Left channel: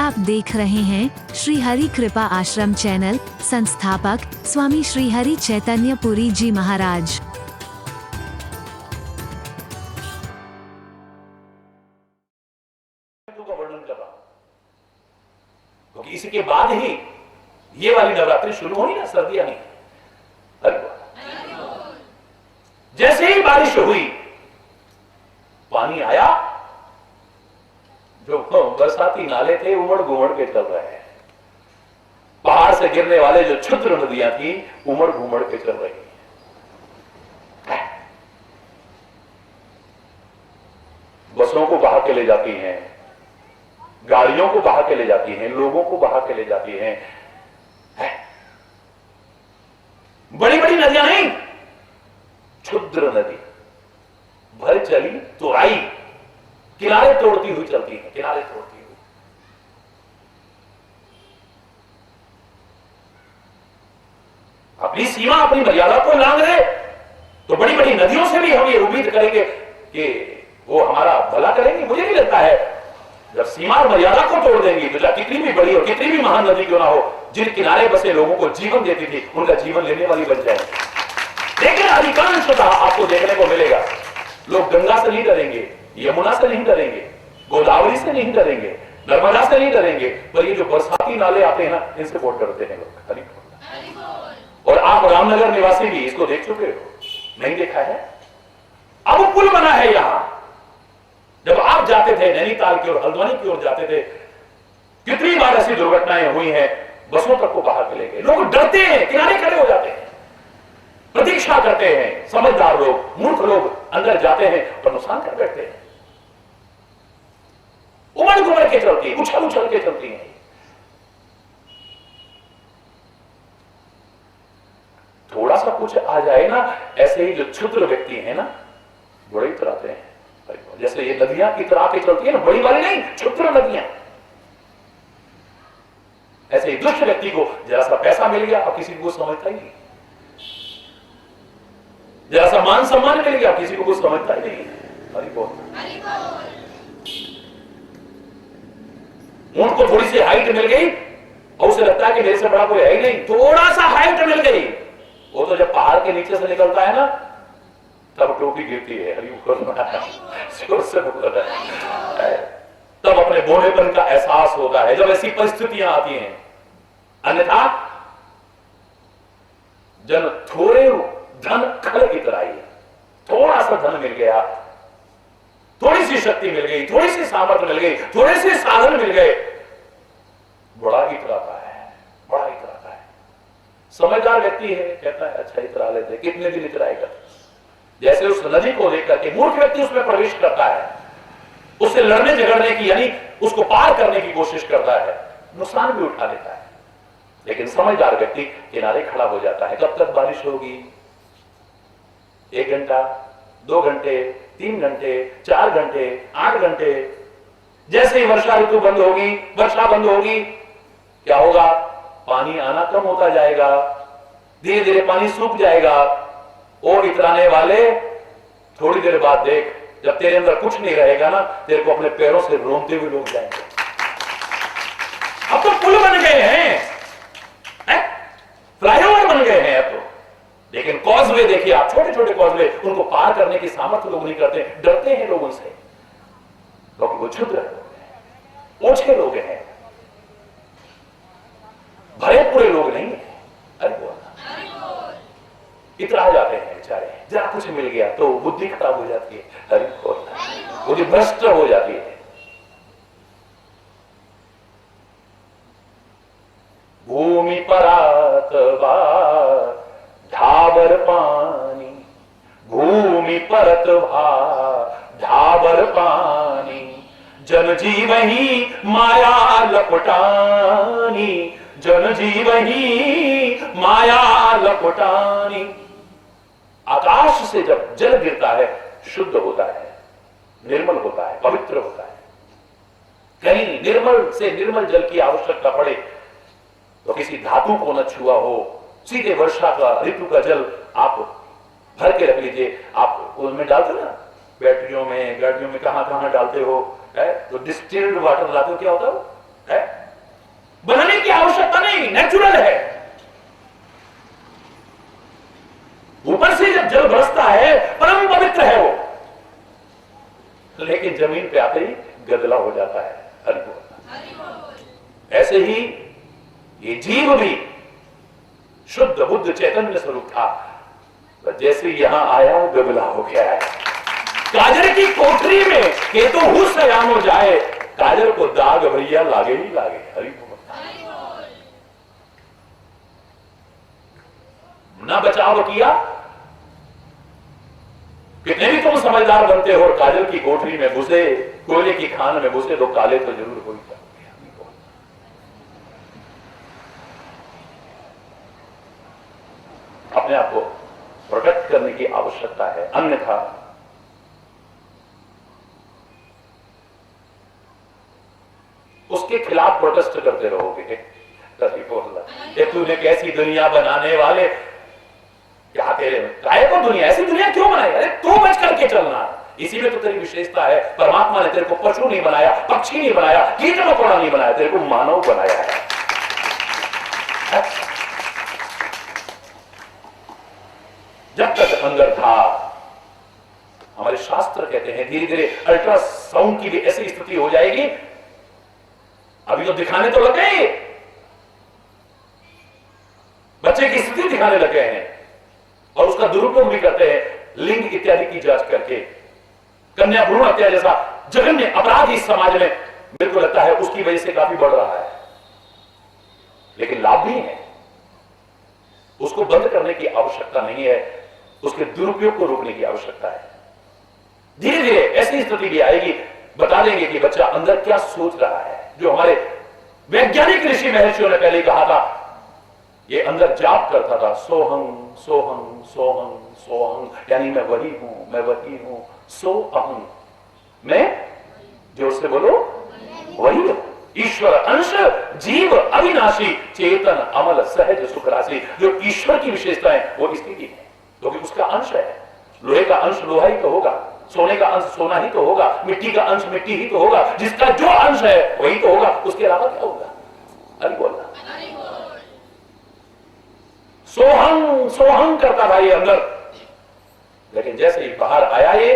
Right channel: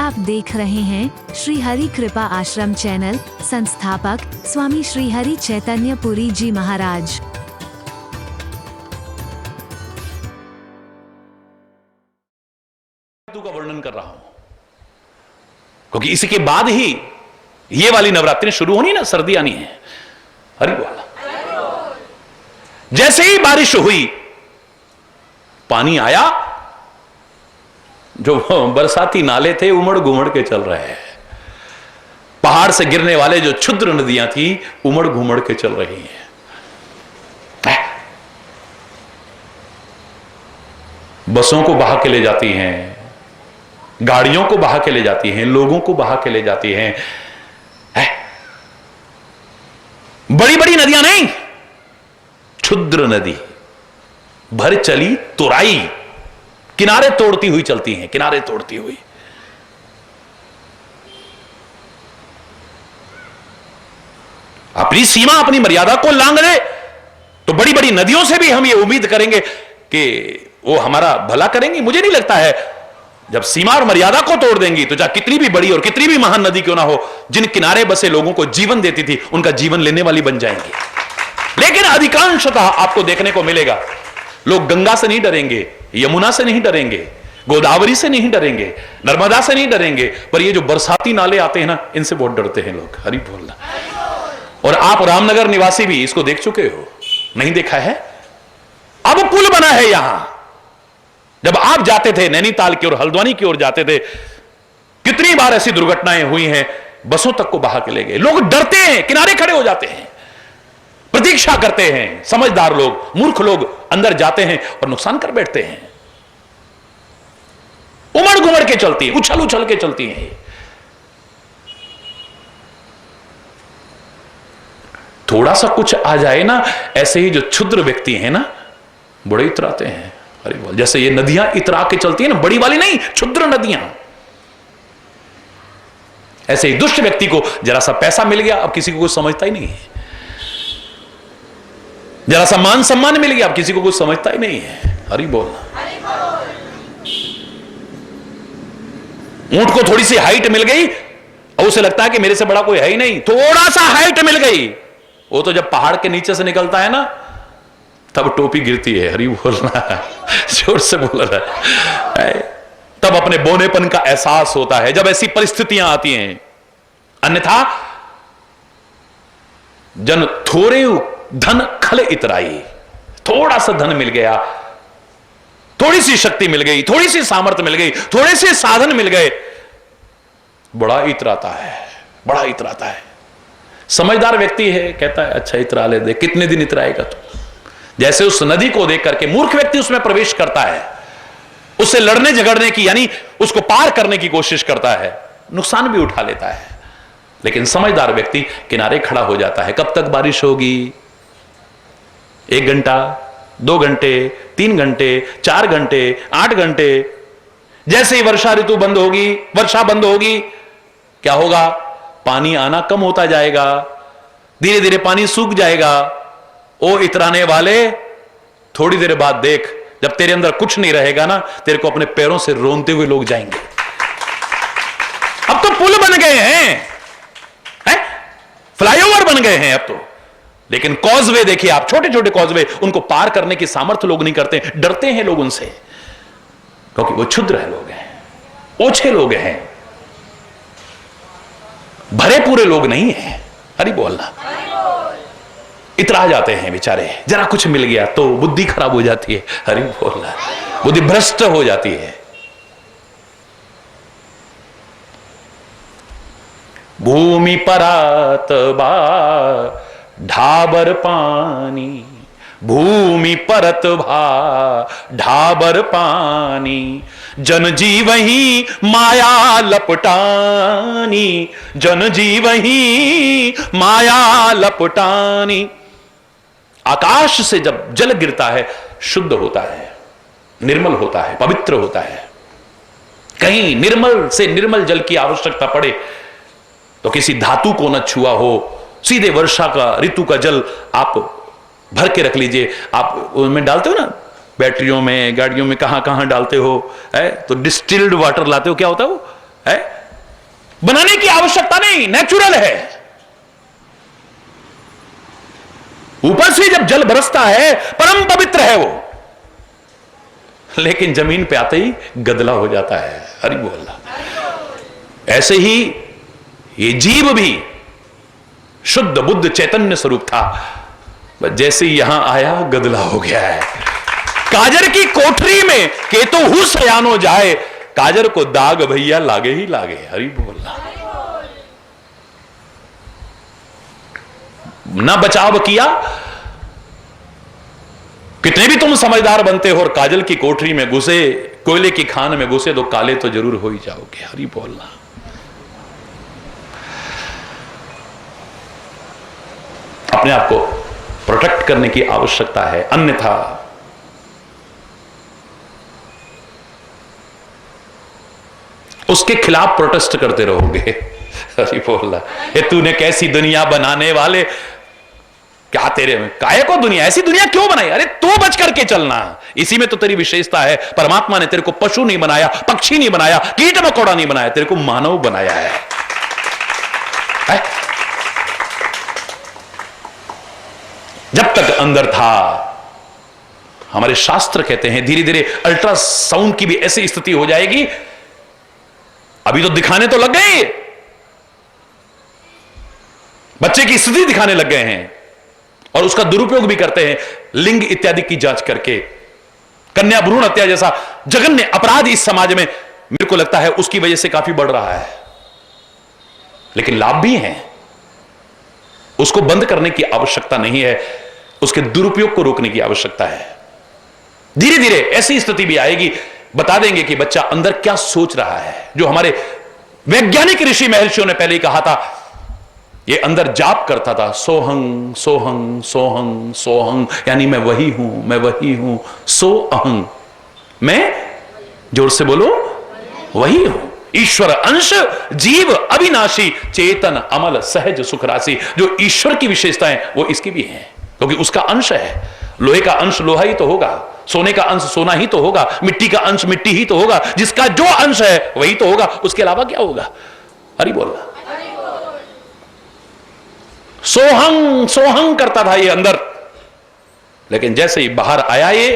आप देख रहे हैं श्री हरि कृपा आश्रम चैनल। संस्थापक स्वामी श्री हरि चैतन्य पुरी जी महाराज। का वर्णन कर रहा हूं क्योंकि इसके बाद ही ये वाली नवरात्रि शुरू होनी ना, सर्दी आनी है। हरि बोल। जैसे ही बारिश हुई, पानी आया, जो बरसाती नाले थे उमड़ घुमड़ के चल रहे हैं। पहाड़ से गिरने वाले जो क्षुद्र नदियां थी उमड़ घुमड़ के चल रही हैं। बसों को बहा के ले जाती हैं, गाड़ियों को बहा के ले जाती हैं, लोगों को बहा के ले जाती हैं। बड़ी बड़ी नदियां नहीं, क्षुद्र नदी भर चली तुराई, किनारे तोड़ती हुई चलती हैं, किनारे तोड़ती हुई। अपनी सीमा अपनी मर्यादा को लांघ ले तो बड़ी बड़ी नदियों से भी हम ये उम्मीद करेंगे कि वो हमारा भला करेंगी। मुझे नहीं लगता है जब सीमा और मर्यादा को तोड़ देंगी तो चाहे कितनी भी बड़ी और कितनी भी महान नदी क्यों ना हो, जिन किनारे बसे लोगों को जीवन देती थी उनका जीवन लेने वाली बन जाएंगी। लेकिन अधिकांशतः आपको देखने को मिलेगा लोग गंगा से नहीं डरेंगे, यमुना से नहीं डरेंगे, गोदावरी से नहीं डरेंगे, नर्मदा से नहीं डरेंगे, पर ये जो बरसाती नाले आते हैं ना, इनसे बहुत डरते हैं लोग। हरि बोलना। और आप रामनगर निवासी भी इसको देख चुके हो, नहीं देखा है? अब पुल बना है यहां। जब आप जाते थे नैनीताल की ओर, हल्द्वानी की ओर जाते थे, कितनी बार ऐसी दुर्घटनाएं हुई हैं, बसों तक को बहा के ले गए। लोग डरते हैं, किनारे खड़े हो जाते हैं, प्रतीक्षा करते हैं। समझदार लोग, मूर्ख लोग अंदर जाते हैं और नुकसान कर बैठते हैं। उमड़ घुमड़ के चलती है, उछल उछल के चलती है। थोड़ा सा कुछ आ जाए ना, ऐसे ही जो क्षुद्र व्यक्ति है ना, बड़े इतराते हैं। अरे बोल, जैसे ये नदियां इतरा के चलती है ना, बड़ी वाली नहीं, क्षुद्र नदियां। ऐसे ही दुष्ट व्यक्ति को जरा सा पैसा मिल गया, अब किसी को कुछ समझता ही नहीं है। जरा सा मान सम्मान मिल गया, अब किसी को कुछ समझता ही नहीं है। हरि बोलना। ऊंट को थोड़ी सी हाइट मिल गई और उसे लगता है कि मेरे से बड़ा कोई है ही नहीं, थोड़ा सा हाइट मिल गई, वो तो जब पहाड़ के नीचे से निकलता है ना, तब टोपी गिरती है। हरि बोलना, जोर से बोल रहा है। तब अपने बोनेपन का एहसास होता है जब ऐसी परिस्थितियां आती हैं। अन्यथा जन थोड़े धन खले इतराई, थोड़ा सा धन मिल गया, थोड़ी सी शक्ति मिल गई, थोड़ी सी सामर्थ्य मिल गई, थोड़े से साधन मिल गए, बड़ा इतराता है, बड़ा इतराता है। समझदार व्यक्ति है, कहता है अच्छा इतरा ले दे, कितने दिन इतराएगा तू। जैसे उस नदी को देख करके मूर्ख व्यक्ति उसमें प्रवेश करता है, उससे लड़ने झगड़ने की, यानी उसको पार करने की कोशिश करता है, नुकसान भी उठा लेता है। लेकिन समझदार व्यक्ति किनारे खड़ा हो जाता है। कब तक बारिश होगी? 1 घंटा, 2 घंटे, 3 घंटे, 4 घंटे, 8 घंटे। जैसे ही वर्षा ऋतु बंद होगी, वर्षा बंद होगी, क्या होगा? पानी आना कम होता जाएगा, धीरे धीरे पानी सूख जाएगा। ओ इतराने वाले, थोड़ी देर बाद देख, जब तेरे अंदर कुछ नहीं रहेगा ना, तेरे को अपने पैरों से रोनते हुए लोग जाएंगे। अब तो पुल बन गए हैं, फ्लाईओवर बन गए हैं अब तो। लेकिन कॉजवे देखिए आप, छोटे छोटे कॉजवे, उनको पार करने की सामर्थ्य लोग नहीं करते, डरते हैं लोग उनसे, क्योंकि वो क्षुद्र है, लोग हैं, ओछे लोग हैं, भरे पूरे लोग नहीं हैं। हरि बोलना। इतरा जाते हैं बेचारे, जरा कुछ मिल गया तो बुद्धि खराब हो जाती है। हरि बोलना। बुद्धि भ्रष्ट हो जाती है। भूमि परात बा ढाबर पानी, भूमि परत भा ढाबर पानी, जन जीवही माया लपटानी, जन जीवही माया लपटानी। आकाश से जब जल गिरता है, शुद्ध होता है, निर्मल होता है, पवित्र होता है। कहीं निर्मल से निर्मल जल की आवश्यकता पड़े तो किसी धातु को न छुआ हो, सीधे वर्षा का ऋतु का जल आप भर के रख लीजिए। आप उनमें डालते हो ना, बैटरियों में, गाड़ियों में, कहां कहां डालते हो, है तो डिस्टिल्ड वाटर लाते हो, क्या होता है वो है, बनाने की आवश्यकता नहीं, नेचुरल है। ऊपर से जब जल बरसता है परम पवित्र है वो, लेकिन जमीन पे आते ही गदला हो जाता है। हरि बोल। ऐसे ही ये जीव भी शुद्ध बुद्ध चैतन्य स्वरूप था, जैसे यहां आया गदला हो गया है। काजर की कोठरी में केतु हुस यानो जाए, काजर को दाग भैया लागे ही लागे। हरि बोलना। ना बचाव किया, कितने भी तुम समझदार बनते हो और काजल की कोठरी में घुसे, कोयले की खान में घुसे तो काले तो जरूर हो ही जाओगे। हरि बोलना। अपने आप को प्रोटेक्ट करने की आवश्यकता है, अन्यथा उसके खिलाफ प्रोटेस्ट करते रहोगे। हरि बोलना। ये तूने कैसी दुनिया बनाने वाले, क्या तेरे में काहे को दुनिया, ऐसी दुनिया क्यों बनाई? अरे तू बच करके चलना, इसी में तो तेरी विशेषता है। परमात्मा ने तेरे को पशु नहीं बनाया, पक्षी नहीं बनाया, कीट मकोड़ा नहीं बनाया, तेरे को मानव बनाया है? जब तक अंदर था, हमारे शास्त्र कहते हैं धीरे धीरे अल्ट्रासाउंड की भी ऐसी स्थिति हो जाएगी। अभी तो दिखाने तो लग गए, बच्चे की स्थिति दिखाने लग गए हैं और उसका दुरुपयोग भी करते हैं, लिंग इत्यादि की जांच करके। कन्या भ्रूण हत्या जैसा जघन्य अपराध इस समाज में मेरे को लगता है उसकी वजह से काफी बढ़ रहा है, लेकिन लाभ भी हैं। उसको बंद करने की आवश्यकता नहीं है, उसके दुरुपयोग को रोकने की आवश्यकता है। धीरे धीरे ऐसी स्थिति भी आएगी, बता देंगे कि बच्चा अंदर क्या सोच रहा है। जो हमारे वैज्ञानिक ऋषि महर्षियों ने पहले ही कहा था, ये अंदर जाप करता था, सोहंग सोहंग सोहंग सोहंग, यानी मैं वही हूं, मैं वही हूं। सो अहंग, मैं, जोर से बोलो, वही हूं। ईश्वर अंश, जीव अविनाशी, चेतन अमल सहज सुख राशि। जो ईश्वर की विशेषताएं वो इसकी भी हैं, क्योंकि उसका अंश है। लोहे का अंश लोहा ही तो होगा, सोने का अंश सोना ही तो होगा, मिट्टी का अंश मिट्टी ही तो होगा। जिसका जो अंश है वही तो होगा, उसके अलावा क्या होगा? हरि बोल। सोहंग सोहंग करता था ये अंदर, लेकिन जैसे ही बाहर आया ये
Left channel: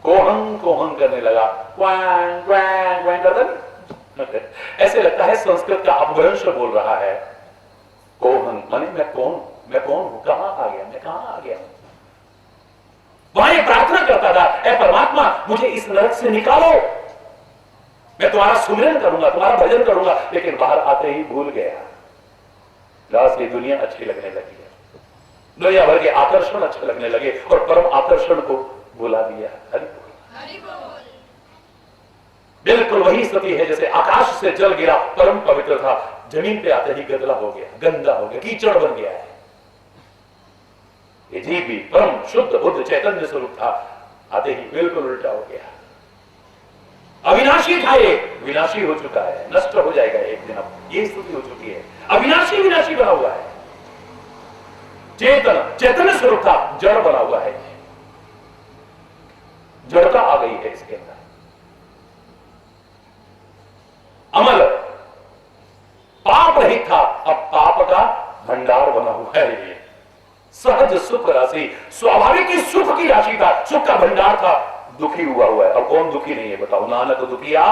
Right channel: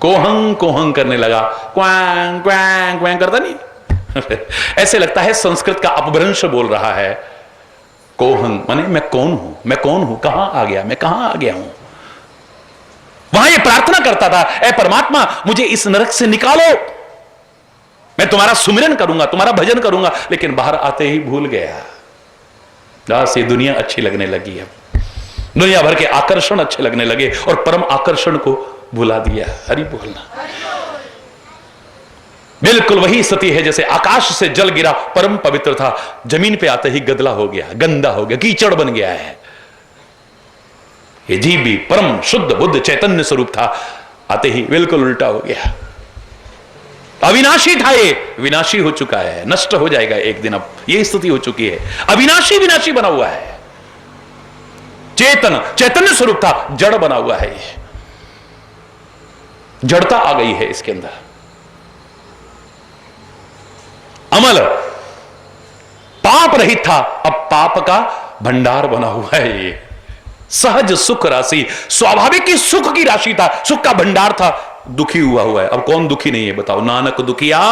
कोहंग कोहंग करने लगा। क्वैंग क्वैंग क्वैंग करता नहीं। ऐसे लगता है संस्कृत का अपभ्रंश बोल रहा है। कोहंग माने मैं कौन हूं, मैं कौन हूं, कहां आ गया, मैं कहां आ गया हूं। वहां ये प्रार्थना करता था, ऐ परमात्मा मुझे इस नरक से निकालो, मैं तुम्हारा सुमिरन करूंगा, तुम्हारा भजन करूंगा। लेकिन बाहर आते ही भूल गया। बस ये दुनिया अच्छी लगने लगी है, दुनिया भर के आकर्षण अच्छे लगने लगे और परम आकर्षण को भुला दिया। हरि बोलना। बिल्कुल वही स्थिति है जैसे आकाश से जल गिरा, परम पवित्र था, जमीन पे आते ही गदला हो गया, गंदा हो गया, कीचड़ बन गया है। ये जीव भी परम शुद्ध बुद्ध चैतन्य स्वरूप था, आते ही बिल्कुल उल्टा हो गया। अविनाशी था, ये विनाशी हो चुका है, नष्ट हो जाएगा एक दिन। अब ये स्थिति हो चुकी है, अविनाशी विनाशी बना हुआ है। चेतन चैतन्य स्वरूप था, जड़ बना हुआ है। जड़ता आ गई है इसके अंदर। अमल पाप रहित था, अब पाप का भंडार बना हुआ है। ये सहज सुख राशि, स्वाभाविक ही सुख की राशि था, सुख का भंडार था, दुखी हुआ है। अब कौन दुखी नहीं है बताओ? नानक दुखिया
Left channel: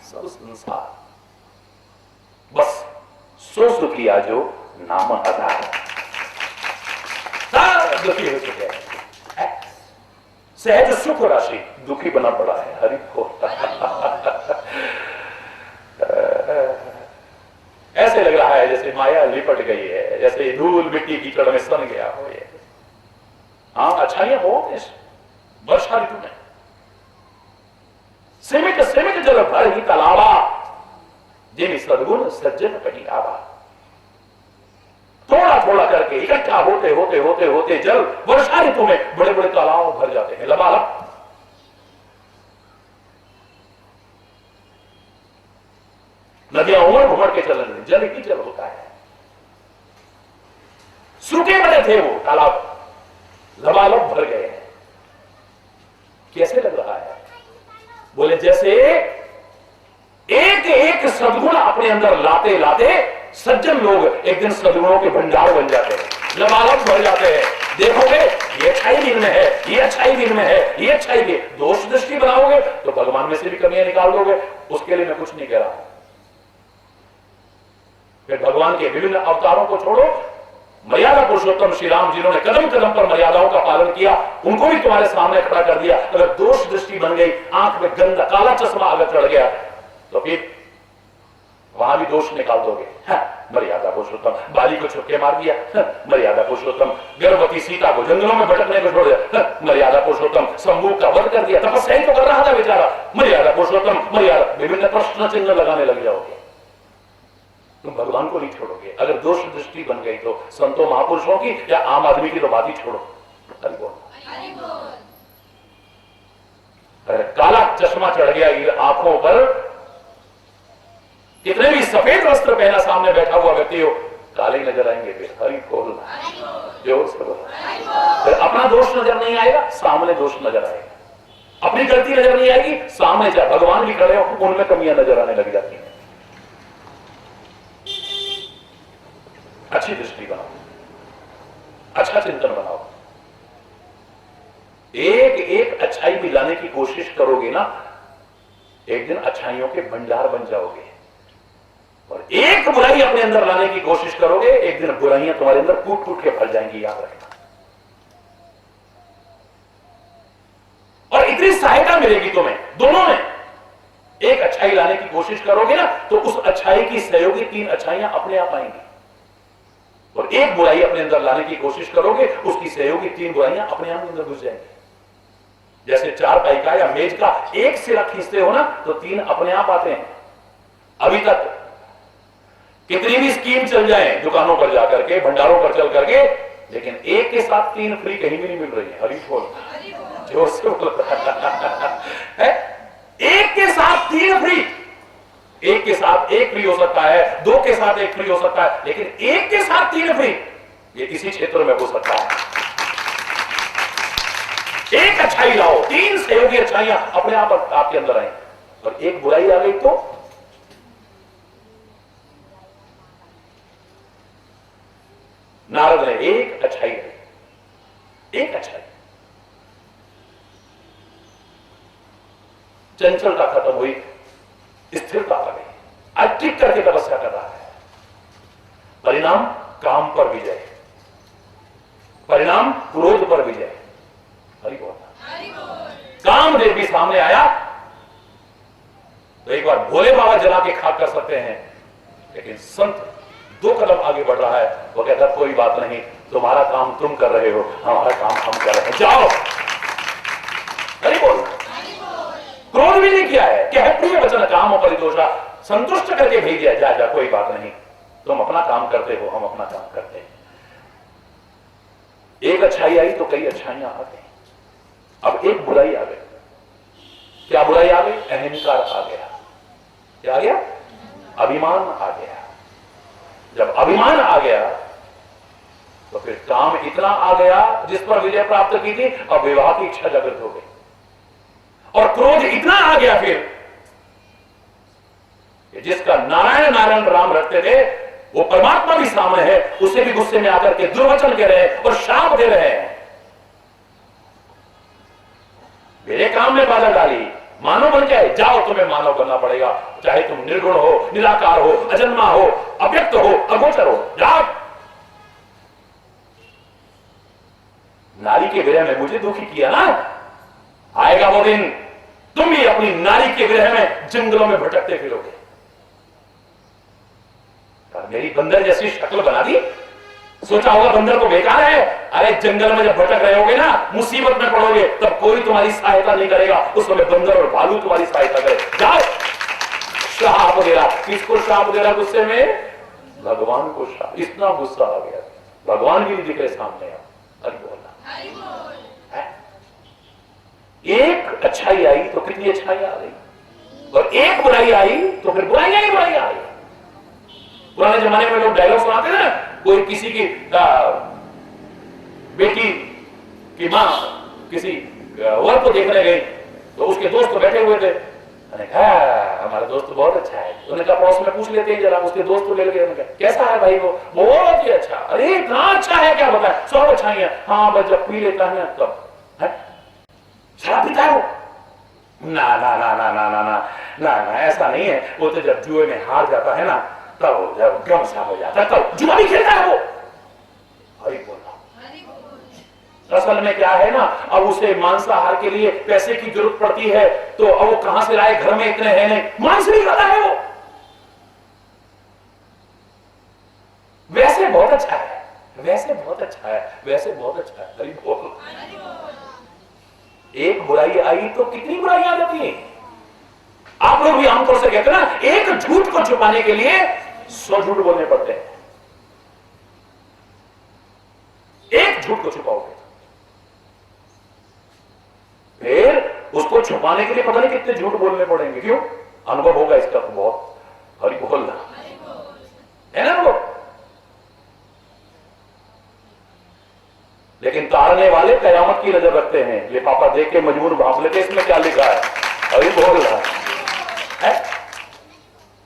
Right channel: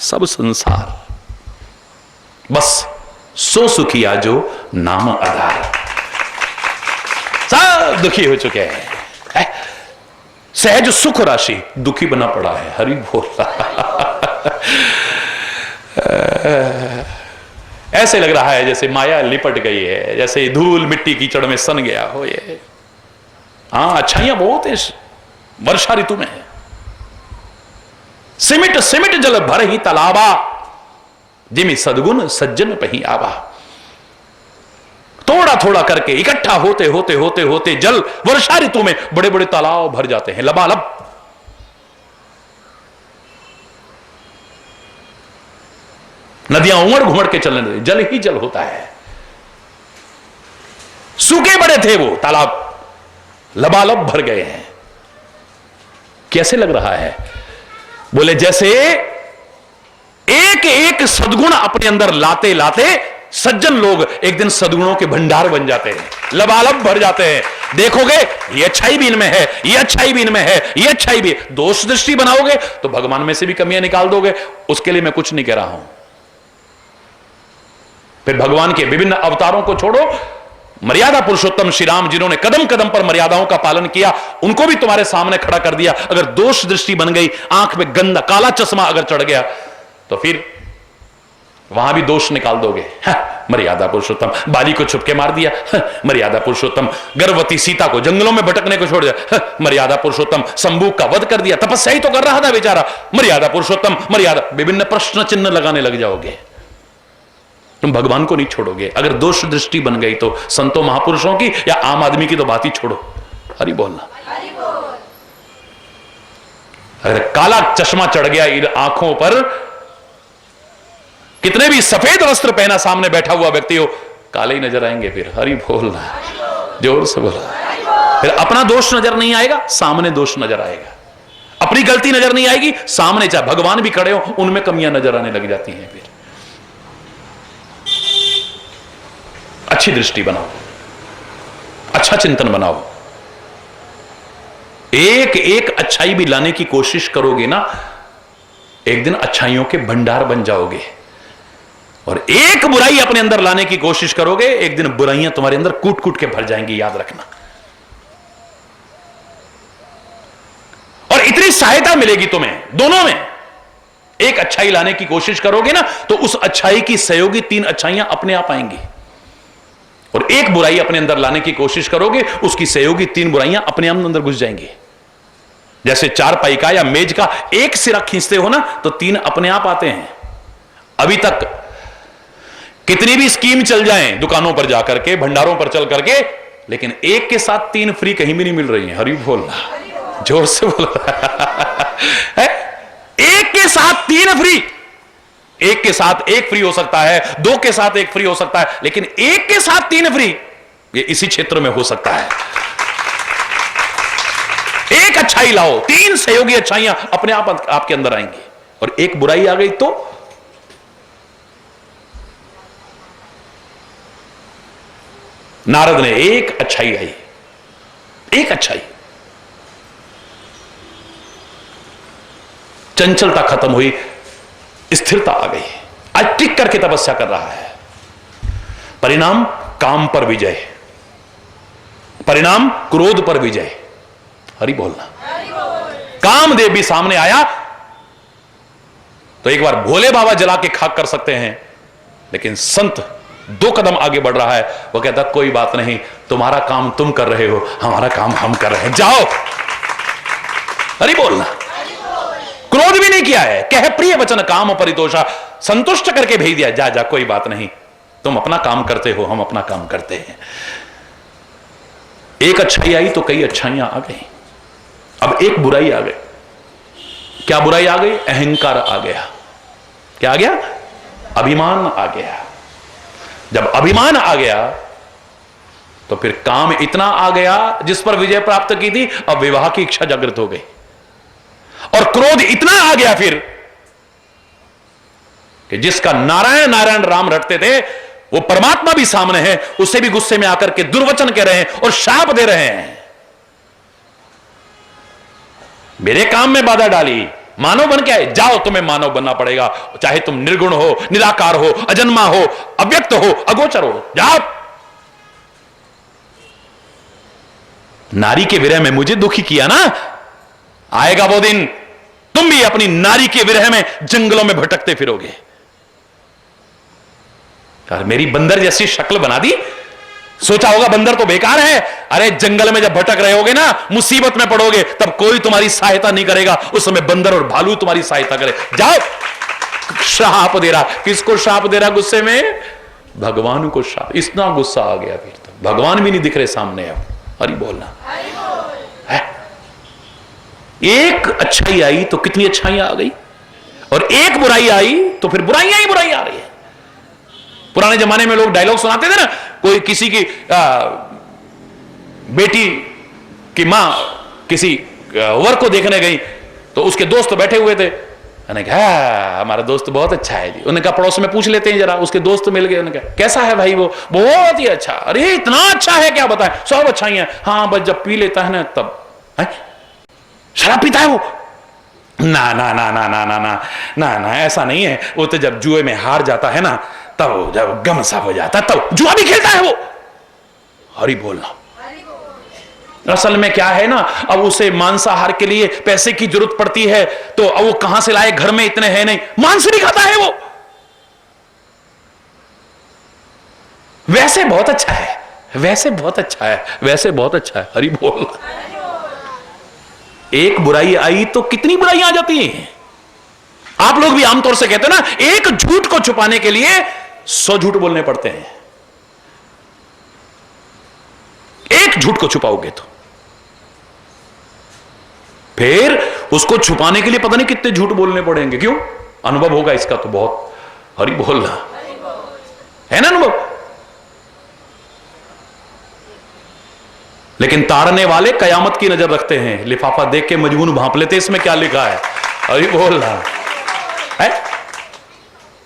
सब संसार, बस सो सुखिया जो नाम आधार। सब दुखी हो चुके हैं। सहज सुख राशि दुखी बना पड़ा है। हरि बोल। ऐसे लग रहा है जैसे माया लिपट गई है, जैसे धूल मिट्टी कीचड़ में सन गया हो ये। हाँ, अच्छाइयां बहुत है वर्षा ऋतु में। सिमिट सिमिट जल भर ही तालाबा, जिमी सदगुण सज्जन पही आवा। थोड़ा थोड़ा करके इकट्ठा होते होते होते होते जल वर्षा ऋतु में बड़े बड़े तालाब भर जाते हैं, लबालब। नदियां उमड़ घुमड़ के चलने लगी, जल ही जल होता है। सूखे बड़े थे वो तालाब, लबालब भर गए हैं। कैसे लग रहा है? बोले जैसे एक एक सद्गुण अपने अंदर लाते लाते सज्जन लोग एक दिन सद्गुणों के भंडार बन जाते हैं, लबालब भर जाते हैं। देखोगे ये अच्छाई भी इनमें है, ये अच्छाई भी इनमें है, ये अच्छाई भी। दोष दृष्टि बनाओगे तो भगवान में से भी कमियां निकाल दोगे। उसके लिए मैं कुछ नहीं कह रहा हूं। फिर भगवान के विभिन्न अवतारों को छोड़ो, मर्यादा पुरुषोत्तम श्री राम जिन्होंने कदम कदम पर मर्यादाओं का पालन किया, उनको भी तुम्हारे सामने खड़ा कर दिया। अगर दोष दृष्टि बन गई, आंख में गंदा काला चश्मा अगर चढ़ गया, तो फिर वहां भी दोष निकाल दोगे। मर्यादा पुरुषोत्तम बाली को छुपके मार दिया, मर्यादा पुरुषोत्तम गर्भवती सीता को जंगलों में भटकने को छोड़ दिया, मर्यादा पुरुषोत्तम शंभू का वध कर दिया, तपस्या ही तो कर रहा था बेचारा, मर्यादा पुरुषोत्तम मर्यादा। विभिन्न प्रश्न चिन्ह लगाने लग जाओगे, तुम भगवान को नहीं छोड़ोगे। अगर दोष दृष्टि बन गई तो संतों महापुरुषों की या आम आदमी की तो बात ही छोड़ो। हरि बोलना। अगर काला चश्मा चढ़ गया इन आंखों पर, कितने भी सफेद वस्त्र पहना सामने बैठा हुआ व्यक्ति हो, काले ही नजर आएंगे। फिर हरि बोलना, जोर से बोला। फिर अपना दोष नजर नहीं आएगा, सामने दोष नजर आएगा। अपनी गलती नजर नहीं आएगी, सामने चाहे भगवान भी खड़े हो उनमें कमियां नजर आने लग जाती हैं। फिर अच्छी दृष्टि बनाओ, अच्छा चिंतन बनाओ। एक एक अच्छाई भी लाने की कोशिश करोगे ना, एक दिन अच्छाइयों के भंडार बन जाओगे। और एक बुराई अपने अंदर लाने की कोशिश करोगे, एक दिन बुराइयां तुम्हारे अंदर कूट कूट के भर जाएंगी, याद रखना। और इतनी सहायता मिलेगी तुम्हें दोनों में। एक अच्छाई लाने की कोशिश करोगे ना, तो उस अच्छाई की सहयोगी 3 अच्छाइयां अपने आप आएंगी। और एक बुराई अपने अंदर लाने की कोशिश करोगे, उसकी सहयोगी 3 बुराइयां अपने आप अंदर घुस जाएंगी। जैसे चारपाई का या मेज का एक सिरा खींचते हो ना, तो 3 अपने आप आते हैं। अभी तक कितनी भी स्कीम चल जाए दुकानों पर जाकर के, भंडारों पर चल करके, लेकिन एक के साथ 3 फ्री कहीं भी नहीं मिल रही है। हरि बोलना, जोर से बोलना। एक के साथ 3 फ्री, एक के साथ 1 फ्री हो सकता है, 2 के साथ 1 फ्री हो सकता है, लेकिन एक के साथ 3 फ्री ये इसी क्षेत्र में हो सकता है। एक अच्छाई लाओ, 3 सहयोगी अच्छाइयां अपने आप आपके अंदर आएंगी। और एक बुराई आ गई तो नारद ने एक अच्छाई आई, एक अच्छाई, चंचलता खत्म हुई, स्थिरता आ गई। आज टिक करके तपस्या कर रहा है। परिणाम काम पर विजय, परिणाम क्रोध पर विजय। हरि बोलना। कामदेव भी सामने आया तो एक बार भोले बाबा जला के खाक कर सकते हैं, लेकिन संत 2 कदम आगे बढ़ रहा है। वो कहता कोई बात नहीं, तुम्हारा काम तुम कर रहे हो, हमारा काम हम कर रहे हैं, जाओ। हरि बोलना। क्रोध भी नहीं किया है, कह प्रिय वचन काम परितोषा, संतुष्ट करके भेज दिया, जा जा कोई बात नहीं, तुम अपना काम करते हो, हम अपना काम करते हैं। एक अच्छाई आई तो कई अच्छाइयां आ गई। अब एक बुराई आ गई। क्या बुराई आ गई? अहंकार आ गया। क्या आ गया? अभिमान आ गया। जब अभिमान आ गया तो फिर काम इतना आ गया जिस पर विजय प्राप्त की थी, अब विवाह की इच्छा जागृत हो गई। और क्रोध इतना आ गया फिर कि जिसका नारायण नारायण राम रटते थे, वो परमात्मा भी सामने है, उससे भी गुस्से में आकर के दुर्वचन कह रहे हैं और शाप दे रहे हैं। मेरे काम में बाधा डाली, मानव बन के आए, जाओ तुम्हें मानव बनना पड़ेगा, चाहे तुम निर्गुण हो, निराकार हो, अजन्मा हो, अव्यक्त हो, अगोचर हो, जाओ। नारी के विरह में मुझे दुखी किया ना, आएगा वो दिन तुम भी अपनी नारी के विरह में जंगलों में भटकते फिरोगे। यार मेरी बंदर जैसी शक्ल बना दी, सोचा होगा बंदर तो बेकार है। अरे जंगल में जब भटक रहे होगे ना, मुसीबत में पड़ोगे, तब कोई तुम्हारी सहायता नहीं करेगा, उस समय बंदर और भालू तुम्हारी सहायता करे। जाओ। श्राप दे रहा, किसको श्राप दे रहा गुस्से में? भगवान को श्राप। इतना गुस्सा आ गया फिर तो भगवान भी नहीं दिख रहे सामने। अब हरि बोलना है। एक अच्छाई आई तो कितनी अच्छाइयां आ गई, और एक बुराई आई तो फिर बुराइयां ही बुराई आ रही है। पुराने जमाने में लोग डायलॉग सुनाते थे ना, कोई किसी की बेटी की मां किसी वर को देखने गई तो उसके दोस्त बैठे हुए थे, मैंने कहा हमारा दोस्त बहुत अच्छा है जी। उन्होंने कहा पड़ोस में पूछ लेते हैं जरा, उसके दोस्त मिल गए। उन्होंने कहा कैसा है भाई? वो बहुत ही अच्छा। अरे इतना अच्छा है क्या बताएं? सब अच्छा ही है। हाँ बस जब पी लेता है ना तब। है? शराब पीता है वो? ना ना ना ना ना ना ना ना ना ऐसा नहीं है। वो तो जब जुए में हार जाता है ना तब जब गम सा हो जाता है तब जुआ भी खेलता है वो। हरि बोलना। असल में क्या है ना, अब उसे मांसाहार के लिए पैसे की जरूरत पड़ती है तो अब वो कहां से लाए, घर में इतने हैं नहीं, मांस नहीं खाता है वो। वैसे बहुत अच्छा है, वैसे बहुत अच्छा है, वैसे बहुत अच्छा है। हरि बोल। एक बुराई आई तो कितनी बुराइयां आ जाती हैं। आप लोग भी आमतौर से कहते हैं ना, एक झूठ को छुपाने के लिए 100 झूठ बोलने पड़ते हैं। एक झूठ को छुपाओगे तो फिर उसको छुपाने के लिए पता नहीं कितने झूठ बोलने पड़ेंगे। क्यों? अनुभव होगा इसका तो बहुत। हरि बोलना है ना अनुभव। लेकिन ताड़ने वाले कयामत की नजर रखते हैं, लिफाफा देख के मजबून भांप लेते इसमें क्या लिखा है। हरि बोलना है।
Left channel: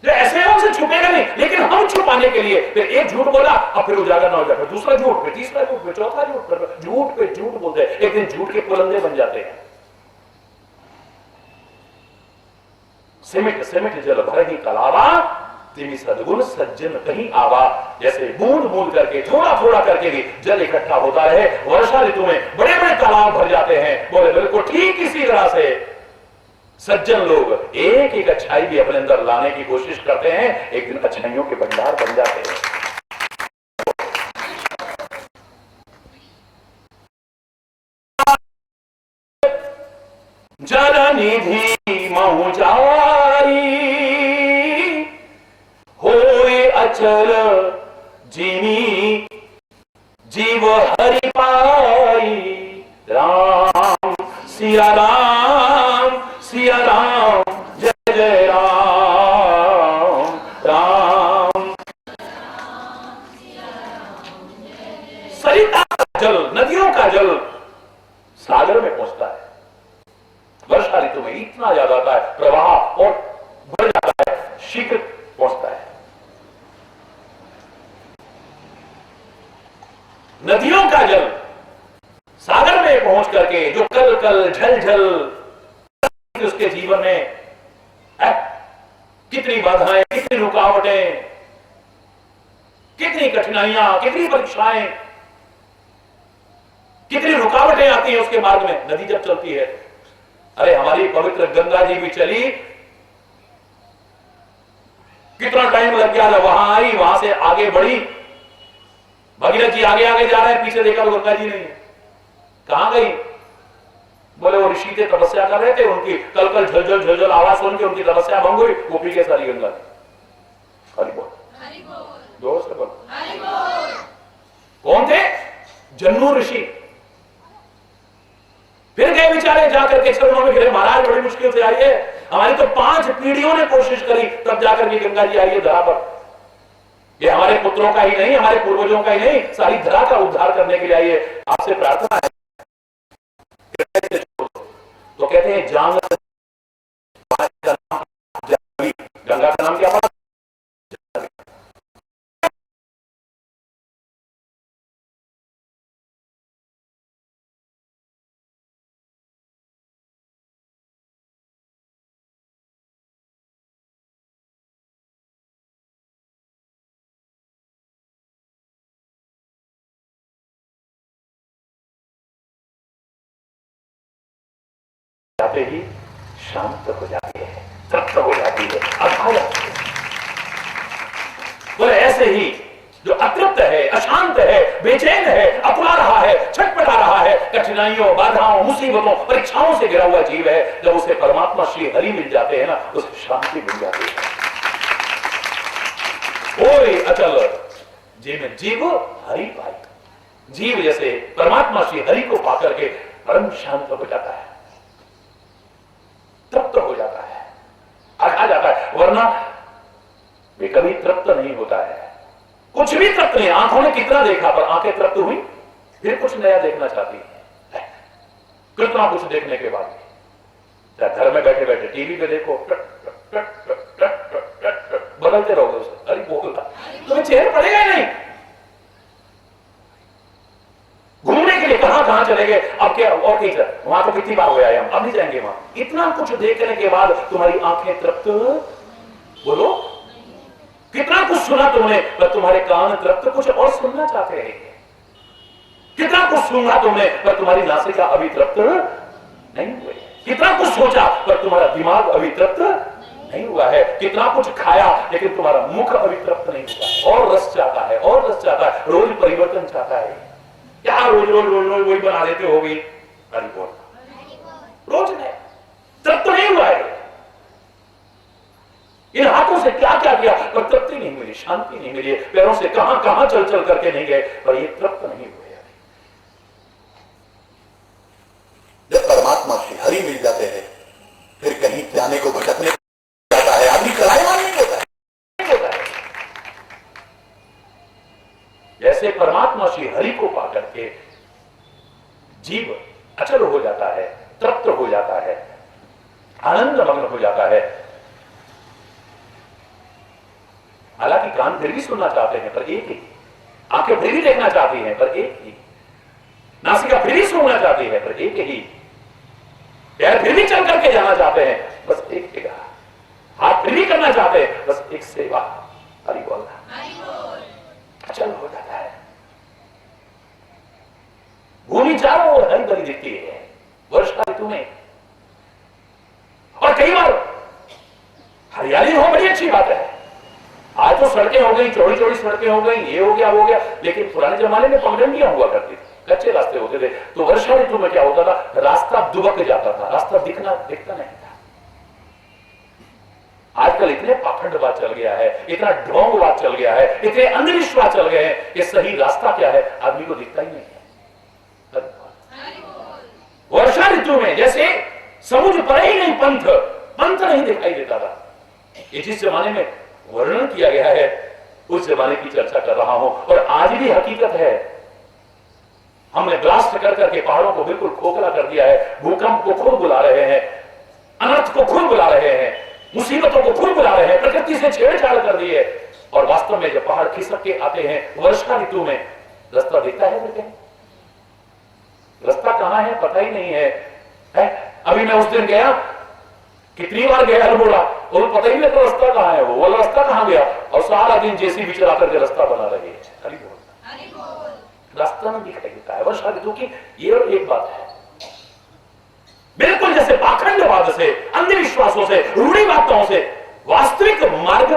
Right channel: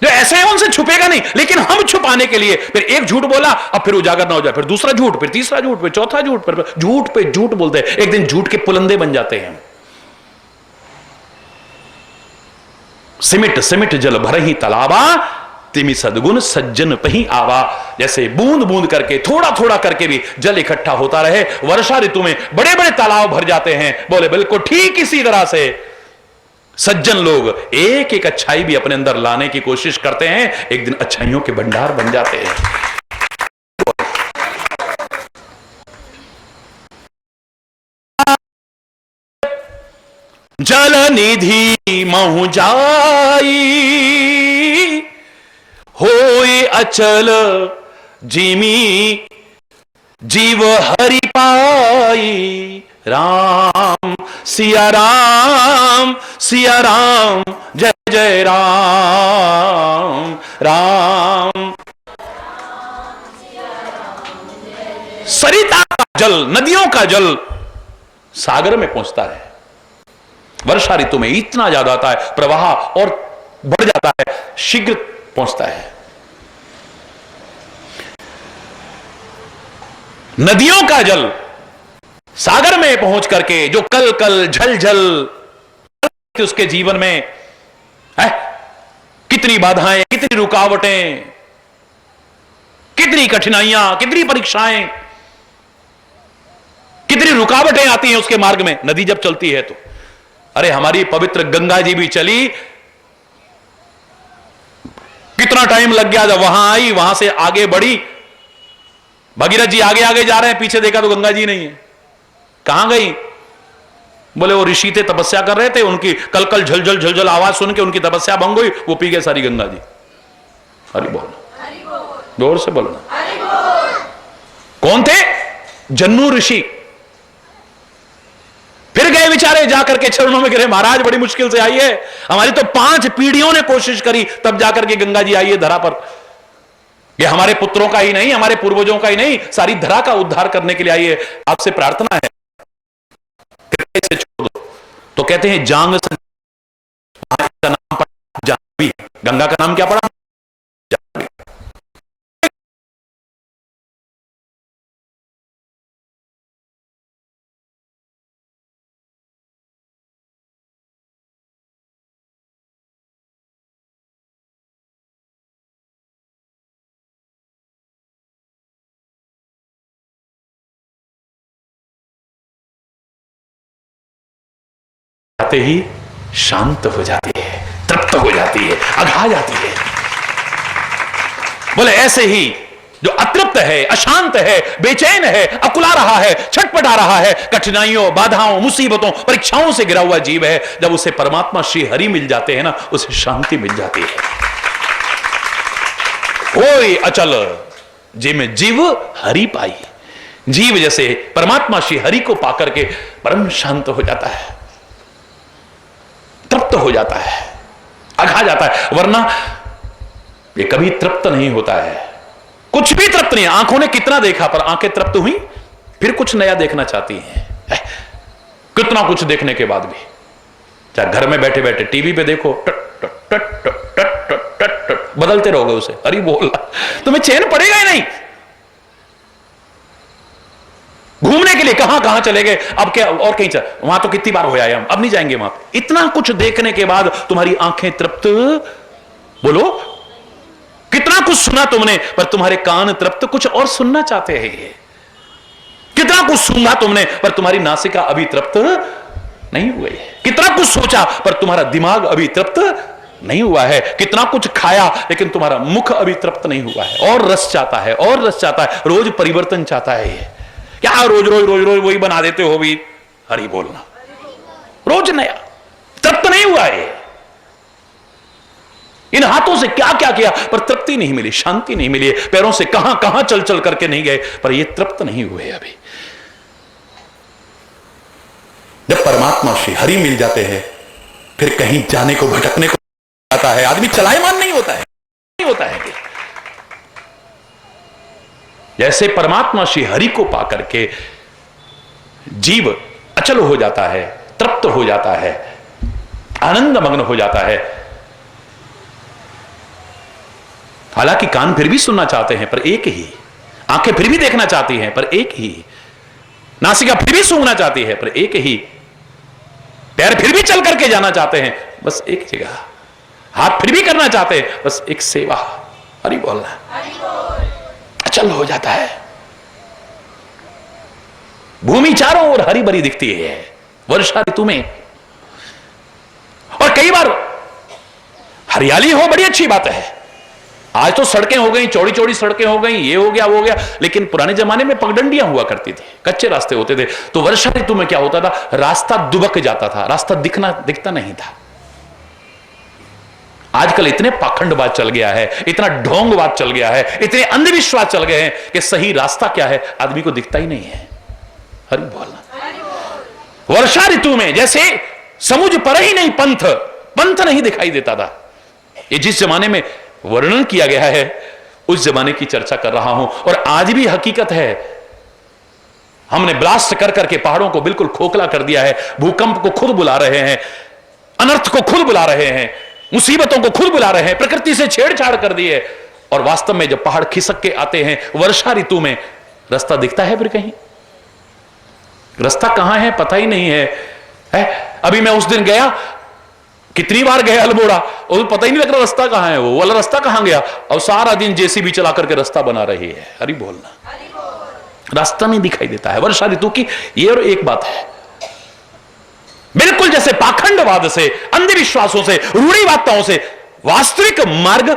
जो ऐसे है उनसे छुपेगा नहीं, लेकिन हम छुपाने के लिए फिर एक झूठ बोला, अब फिर उजागर ना हो जाए, फिर दूसरा झूठ, फिर तीसरा झूठ, फिर चौथा झूठ, फिर झूठ पे झूठ बोलते हैं। एक दिन झूठ के पुलंदे बन जाते हैं। सिमिट सिमिट जल भर ही तालाबा, तिमी सदगुण सज्जन पही आवा। जैसे बूंद बूंद करके, थोड़ा थोड़ा करके भी जल इकट्ठा होता रहे। वर्षा ऋतु में बड़े बड़े तालाब भर जाते हैं। बोले बिल्कुल ठीक इसी तरह से सज्जन लोग एक एक अच्छाई भी अपने अंदर लाने की कोशिश करते हैं, एक दिन अच्छाइयों के भंडार बन जाते हैं। जल निधि महु जाई, होए अचल जिमी जीव हरि पाई। राम सिया राम सिया राम, जय जय राम राम। सरिता का जल, नदियों का जल सागर में पहुंचता है। वर्षा ऋतु में इतना ज्यादा आता है, प्रवाह और बढ़ जाता है, शीघ्र पहुंचता है। नदियों का जल सागर में पहुंच करके जो कल कल झल झल उसके जीवन में है, कितनी बाधाएं, कितनी रुकावटें, कितनी कठिनाइयां, कितनी परीक्षाएं, कितनी रुकावटें आती हैं उसके मार्ग में नदी जब चलती है तो। अरे हमारी पवित्र गंगा जी भी चली, कितना टाइम लग गया, जब वहां आई, वहां से आगे बढ़ी। भगीरथ जी आगे आगे जा रहे हैं, पीछे देखा तो गंगा जी नहीं है। कहां गई? बोले वो ऋषि थे, तपस्या कर रहे थे, उनकी कल कल झलझल झलझल आवाज सुन के उनकी तपस्या भंग हुई, वो पी गए सारी गंगा जी। हरि बोल, जोर से बोलना। कौन थे? जन्नू ऋषि। फिर गए बेचारे, जाकर के चरणों में गिरे, महाराज बड़ी मुश्किल से आई है, हमारी तो 5 पीढ़ियों ने कोशिश करी तब जाकर के गंगा जी आई है धरा पर। ये हमारे पुत्रों का ही नहीं, हमारे पूर्वजों का ही नहीं, सारी धरा का उद्धार करने के लिए आई है। आपसे प्रार्थना है से छोड़ दो। तो कहते हैं जांग का नाम पड़ा जाह्नवी, गंगा का नाम क्या पड़ा? जाह्नवी। जाते ही शांत हो जाती है, तृप्त हो जाती है, अघा जाती है। बोले ऐसे ही जो अतृप्त है, अशांत है, बेचैन है, अकुला रहा है, छटपटा रहा है, कठिनाइयों, बाधाओं, मुसीबतों, परीक्षाओं से घिरा हुआ जीव है, जब उसे परमात्मा श्री हरि मिल जाते हैं ना, उसे शांति मिल जाती है। ओए अचल जिम जीव हरि पाई। जीव जैसे परमात्मा श्री हरि को पाकर के परम शांत हो जाता है, तृप्त हो जाता है, अघा जाता है। वरना ये कभी तृप्त नहीं होता है, कुछ भी तृप्त नहीं। आंखों ने कितना देखा पर आंखें तृप्त हुई, फिर कुछ नया देखना चाहती हैं, कितना कुछ देखने के बाद भी। चाहे घर में बैठे बैठे टीवी पे देखो, टट टट टट टट टट टट टट टट बदलते रहोगे उसे, अरे बोल, तुम्हें चैन पड़ेगा ही नहीं। घूमने के लिए कहां कहां चले गए, अब क्या और कहीं चल, वहां तो कितनी बार हो आए हम, अब नहीं जाएंगे वहां। इतना कुछ देखने के बाद तुम्हारी आंखें तृप्त, बोलो कितना कुछ सुना तुमने, पर तुम्हारे कान तृप्त कुछ और सुनना चाहते हैं। ये कितना कुछ सुना तुमने, पर तुम्हारी नासिका अभी तृप्त नहीं हुई है। कितना कुछ सोचा, पर तुम्हारा दिमाग अभी तृप्त नहीं हुआ है। कितना कुछ खाया, लेकिन तुम्हारा मुख अभी तृप्त नहीं हुआ है, और रस चाहता है, और रस चाहता है, रोज परिवर्तन चाहता है। ये क्या रोज रोज रोज रोज वही बना देते हो भी, हरि बोलना, रोज नया, तृप्त नहीं हुआ है। इन हाथों से क्या क्या किया, पर तृप्ति नहीं मिली, शांति नहीं मिली। पैरों से कहां कहां चल चल करके नहीं गए, पर ये तृप्त नहीं हुए अभी। जब परमात्मा श्री हरि मिल जाते हैं, फिर कहीं जाने को, भटकने को जाता है, आदमी चलायमान नहीं होता है, नहीं होता है। जैसे परमात्मा श्री हरि को पाकर के जीव अचल हो जाता है, तृप्त हो जाता है, आनंद मग्न हो जाता है। हालांकि कान फिर भी सुनना चाहते हैं, पर एक ही, आंखें फिर भी देखना चाहती हैं, पर एक ही, नासिका फिर भी सूंघना चाहती है, पर एक ही, पैर फिर भी चल करके जाना चाहते हैं, बस एक जगह, हाथ फिर भी करना चाहते हैं, बस एक सेवा, हरि बोलना, अचल हो जाता है। भूमि चारों ओर हरी भरी दिखती है वर्षा ऋतु में, और कई बार हरियाली हो, बड़ी अच्छी बात है। आज तो सड़कें हो गई, चौड़ी चौड़ी सड़कें हो गई, ये हो गया वो हो गया, लेकिन पुराने जमाने में पगडंडियां हुआ करती थी, कच्चे रास्ते होते थे। तो वर्षा ऋतु में क्या होता था, रास्ता दुबक जाता था, रास्ता दिखता नहीं था। आजकल इतने पाखंडवाद चल गया है, इतना ढोंगवाद चल गया है, इतने अंधविश्वास चल गए हैं कि सही रास्ता क्या है आदमी को दिखता ही नहीं है। हरि बोलना। वर्षा ऋतु में जैसे समुझ पर ही नहीं, पंथ नहीं दिखाई देता था। ये जिस जमाने में वर्णन किया गया है, उस जमाने की चर्चा कर रहा हूं, और आज भी हकीकत है। हमने ब्लास्ट कर करके पहाड़ों को बिल्कुल खोखला कर दिया है, भूकंप को खुद बुला रहे हैं, अनर्थ को खुद बुला रहे हैं, मुसीबतों को खुद बुला रहे हैं, प्रकृति से छेड़छाड़ कर दी है। और वास्तव में जब पहाड़ खिसक के आते हैं वर्षा ऋतु में, रास्ता दिखता है फिर कहीं? रास्ता कहां है पता ही नहीं है। अभी मैं उस दिन गया, कितनी बार गया अल्मोड़ा, और पता ही नहीं लग रहा रास्ता कहां है, वो वाला रास्ता कहां गया, और सारा दिन जेसीबी चला करके रास्ता बना रही है। हरि बोलना। रास्ता नहीं दिखाई देता है वर्षा ऋतु की। ये और एक बात है, बिल्कुल जैसे पाखंडवाद से, अंधविश्वासों से, रूढ़िवादिताओं से वास्तविक मार्ग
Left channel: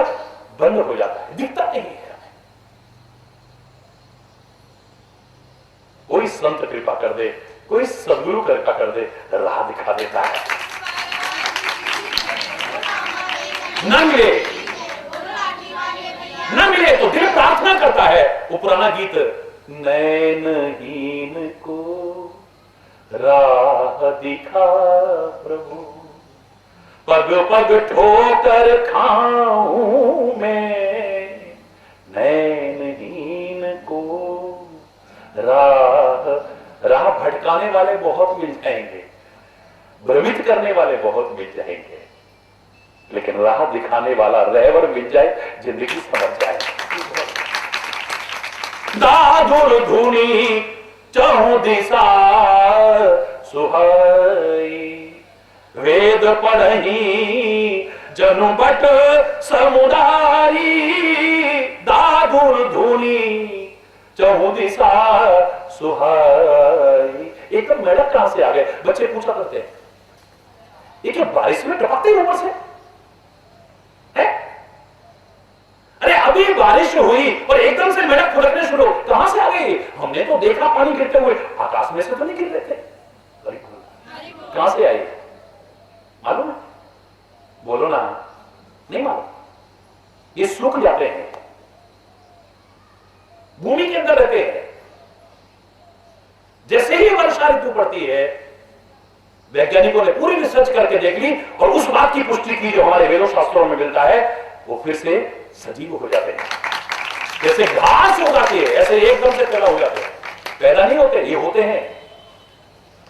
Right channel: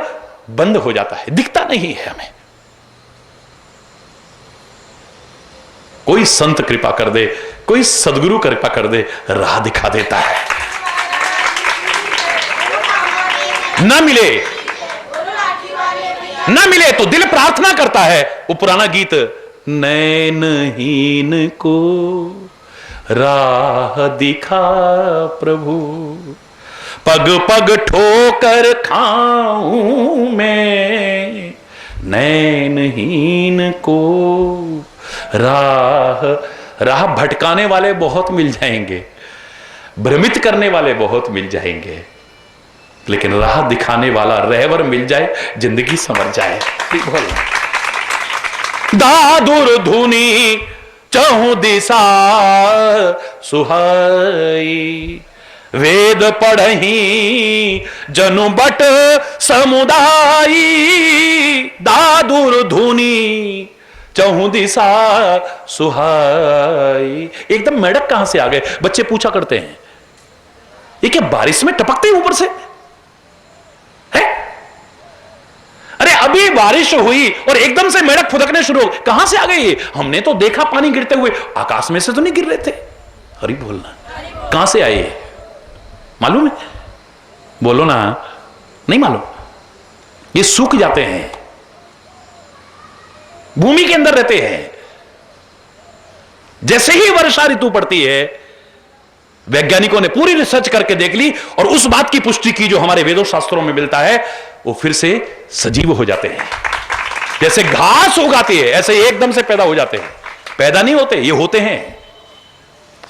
बंद हो जाता है, दिखता नहीं है हमें। कोई संत कृपा कर दे, कोई सदगुरु कृपा कर दे, राह दिखा देता है। ना मिले तो दिल प्रार्थना करता है। वो पुराना गीत, नैनहीन को राह दिखा प्रभु, पग पग ठोकर खाऊं मैं, नैनहीन को राह भटकाने वाले बहुत मिल जाएंगे, भ्रमित करने वाले बहुत मिल जाएंगे, लेकिन राह दिखाने वाला रहबर मिल जाए, जिंदगी समझ जाए। दादुर धुनी चहु दिशा सुहाई, वेद पढ़ही जनु बट समुदाई, दादुर धुनी चहु दिशा सुहाई। एकदम मेढक कहां से आ गए? बच्चे पूछा करते हैं, ये क्या बारिश में टपकते हैं ऊपर से है? अरे अभी बारिश हुई और एकदम से मेढक फुदकने शुरू हो, कहां से आ गए ये? हमने तो देखा पानी गिरते हुए, आकाश में से तो नहीं गिर रहे थे। हरि बोलना। कहां से आए? मालूम है? बोलो ना, नहीं मालूम। ये सूख जाते हैं, भूमि के अंदर रहते हैं। जैसे ही वर्षा ऋतु पड़ती है, वैज्ञानिकों ने पूरी रिसर्च करके देख ली और उस बात की पुष्टि की जो हमारे वेदों शास्त्रों में मिलता है, वो फिर से सजीव हो जाते हैं। जैसे घास उगाती है, ऐसे एकदम से पैदा हो जाते हैं। पैदा नहीं होते, ये होते हैं।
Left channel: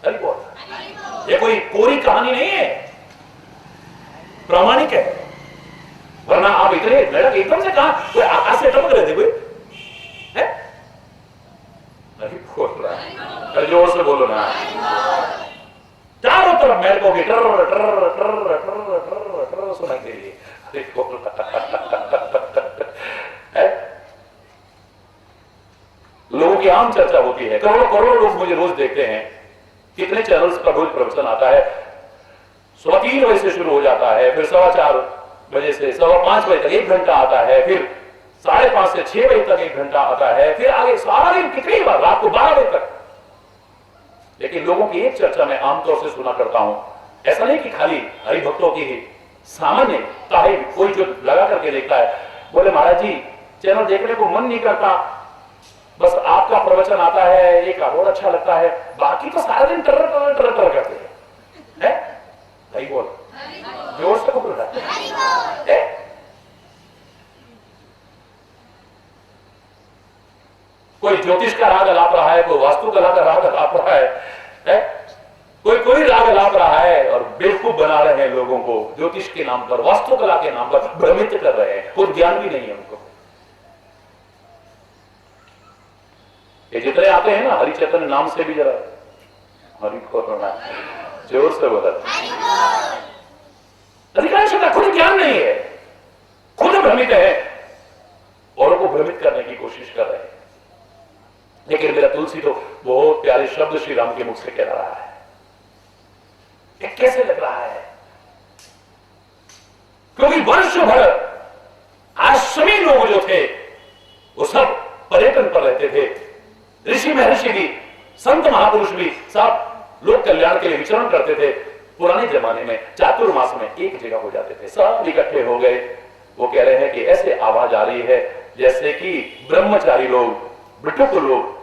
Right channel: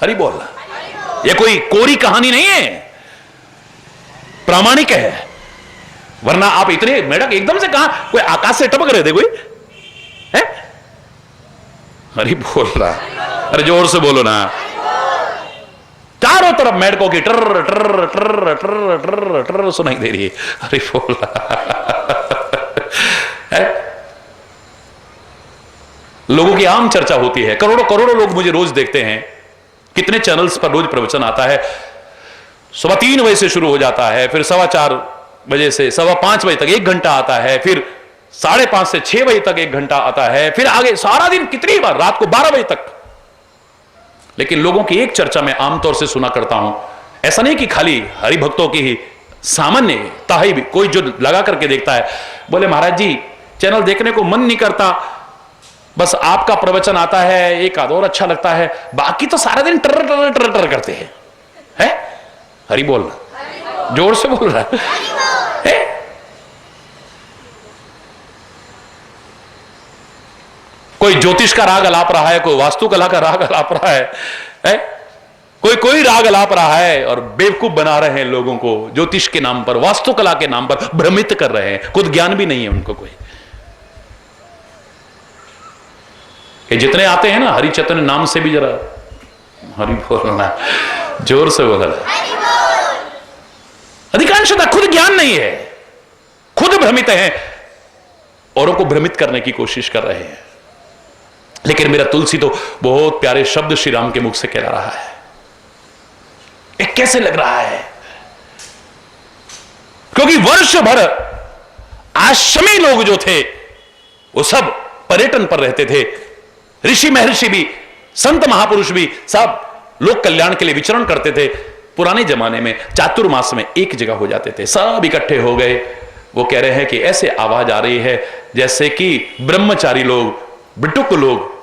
हरि बोलना। ये कोई कोरी कहानी नहीं है, प्रामाणिक है, वरना आप इतने मेढक एकदम से कहा, कोई आकाश से टपक रहे थे कोई है? अरे बोल रहा, अरे जोर से बोलो ना। चारों तरफ मेढकों की टर टर टर टर टर टर सुनाई दे रही है। अरे बोल रहा, लोगों की आम चर्चा होती है, करोड़ों करोड़ों लोग मुझे रोज देखते हैं, कितने चैनल्स पर रोज प्रवचन आता है, सुबह 3 बजे से शुरू हो जाता है, फिर 4:15 बजे से 5:15 बजे तक 1 घंटा आता है, फिर 5:30 से 6 बजे तक 1 घंटा आता है, फिर आगे सारा दिन कितनी बार, रात को 12 बजे तक। लेकिन लोगों की एक चर्चा मैं आमतौर से सुना करता हूं, ऐसा नहीं कि खाली हरि भक्तों की ही, सामान्य ताही भी कोई जो लगा करके देखता है, बोले महाराज जी चैनल देखने को मन नहीं करता, बस आपका प्रवचन आता है, एक आध और अच्छा लगता है, बाकी तो सारा दिन टर टर टर टर करते हैं। है? हरि बोल, जोर से बोल रहा है? कोई ज्योतिष का राग अलाप रहा है, कोई वास्तुकला का राग अलाप रहा है? कोई राग अलाप रहा है और बेवकूफ बना रहे हैं लोगों को, ज्योतिष के नाम पर, वास्तुकला के नाम पर भ्रमित कर रहे हैं, खुद ज्ञान भी नहीं है उनको कोई। कि जितने आते हैं ना हरि चैतन्य नाम से भी जरा हरि बोलना, जोर से बोलना। अधिकांशतः खुद ज्ञान नहीं है, खुद भ्रमित है, औरों को भ्रमित करने की कोशिश कर रहे हैं। लेकिन मेरा तुलसी तो बहुत प्यारे शब्द श्री राम के मुख से कह रहा है। ये कैसे लग रहा है? क्योंकि वर्ष भर आश्रमी लोग जो थे वो सब पर्यटन पर रहते थे, ऋषि महर्षि भी, संत महापुरुष भी, सब लोक कल्याण के लिए विचरण करते थे। पुराने जमाने में चातुर्मास में एक जगह हो जाते थे, सब इकट्ठे हो गए। वो कह रहे हैं कि ऐसे आवाज आ रही है जैसे कि ब्रह्मचारी लोग, बिटुक लोग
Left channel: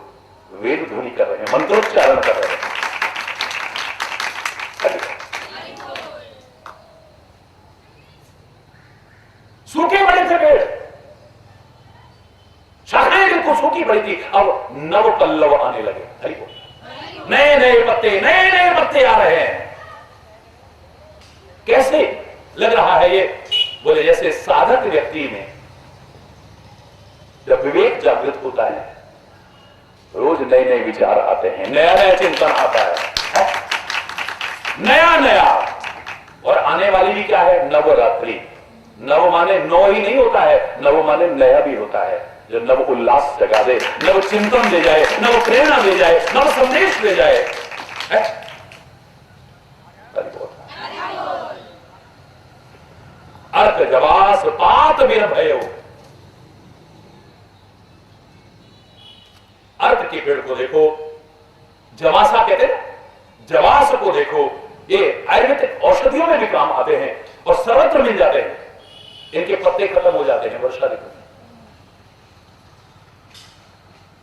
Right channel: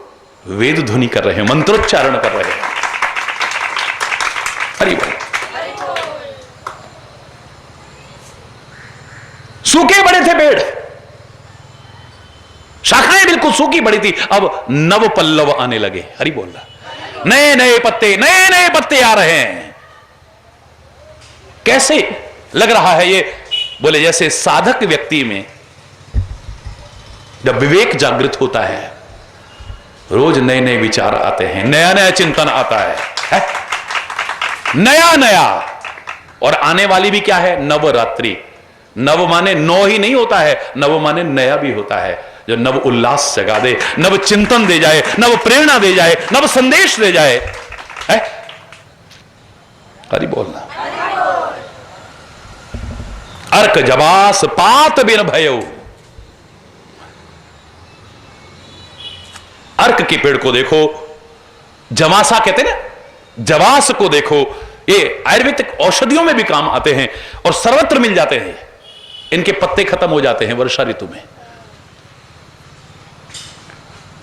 वेद ध्वनि कर रहे हैं, मंत्रोच्चारण कर रहे हैं। हरि बोल। सूखे बड़े थे पेड़, शाखाएं बिल्कुल सूखी बड़ी थी, अब नव पल्लव आने लगे। हरि बोल रहा, नए नए पत्ते आ रहे हैं। कैसे लग रहा है ये? बोले जैसे साधक व्यक्ति में जब विवेक जागृत होता है, रोज नए नए विचार आते हैं, नया नया चिंतन आता है? नया नया। और आने वाली भी क्या है? नवरात्रि। नव माने 9 ही नहीं होता है, नव माने नया भी होता है, जो नव उल्लास जगा दे, नव चिंतन दे जाए, नव प्रेरणा दे जाए, नव संदेश दे जाए। है? हरि बोलना। अर्क जबास पात बिन भयो। अर्क के पेड़ को देखो, जवासा कहते हैं ना, जवास को देखो, ये आयुर्वेदिक औषधियों में भी काम आते हैं और सर्वत्र मिल जाते हैं। इनके पत्ते खत्म हो जाते हैं वर्षा ऋतु में।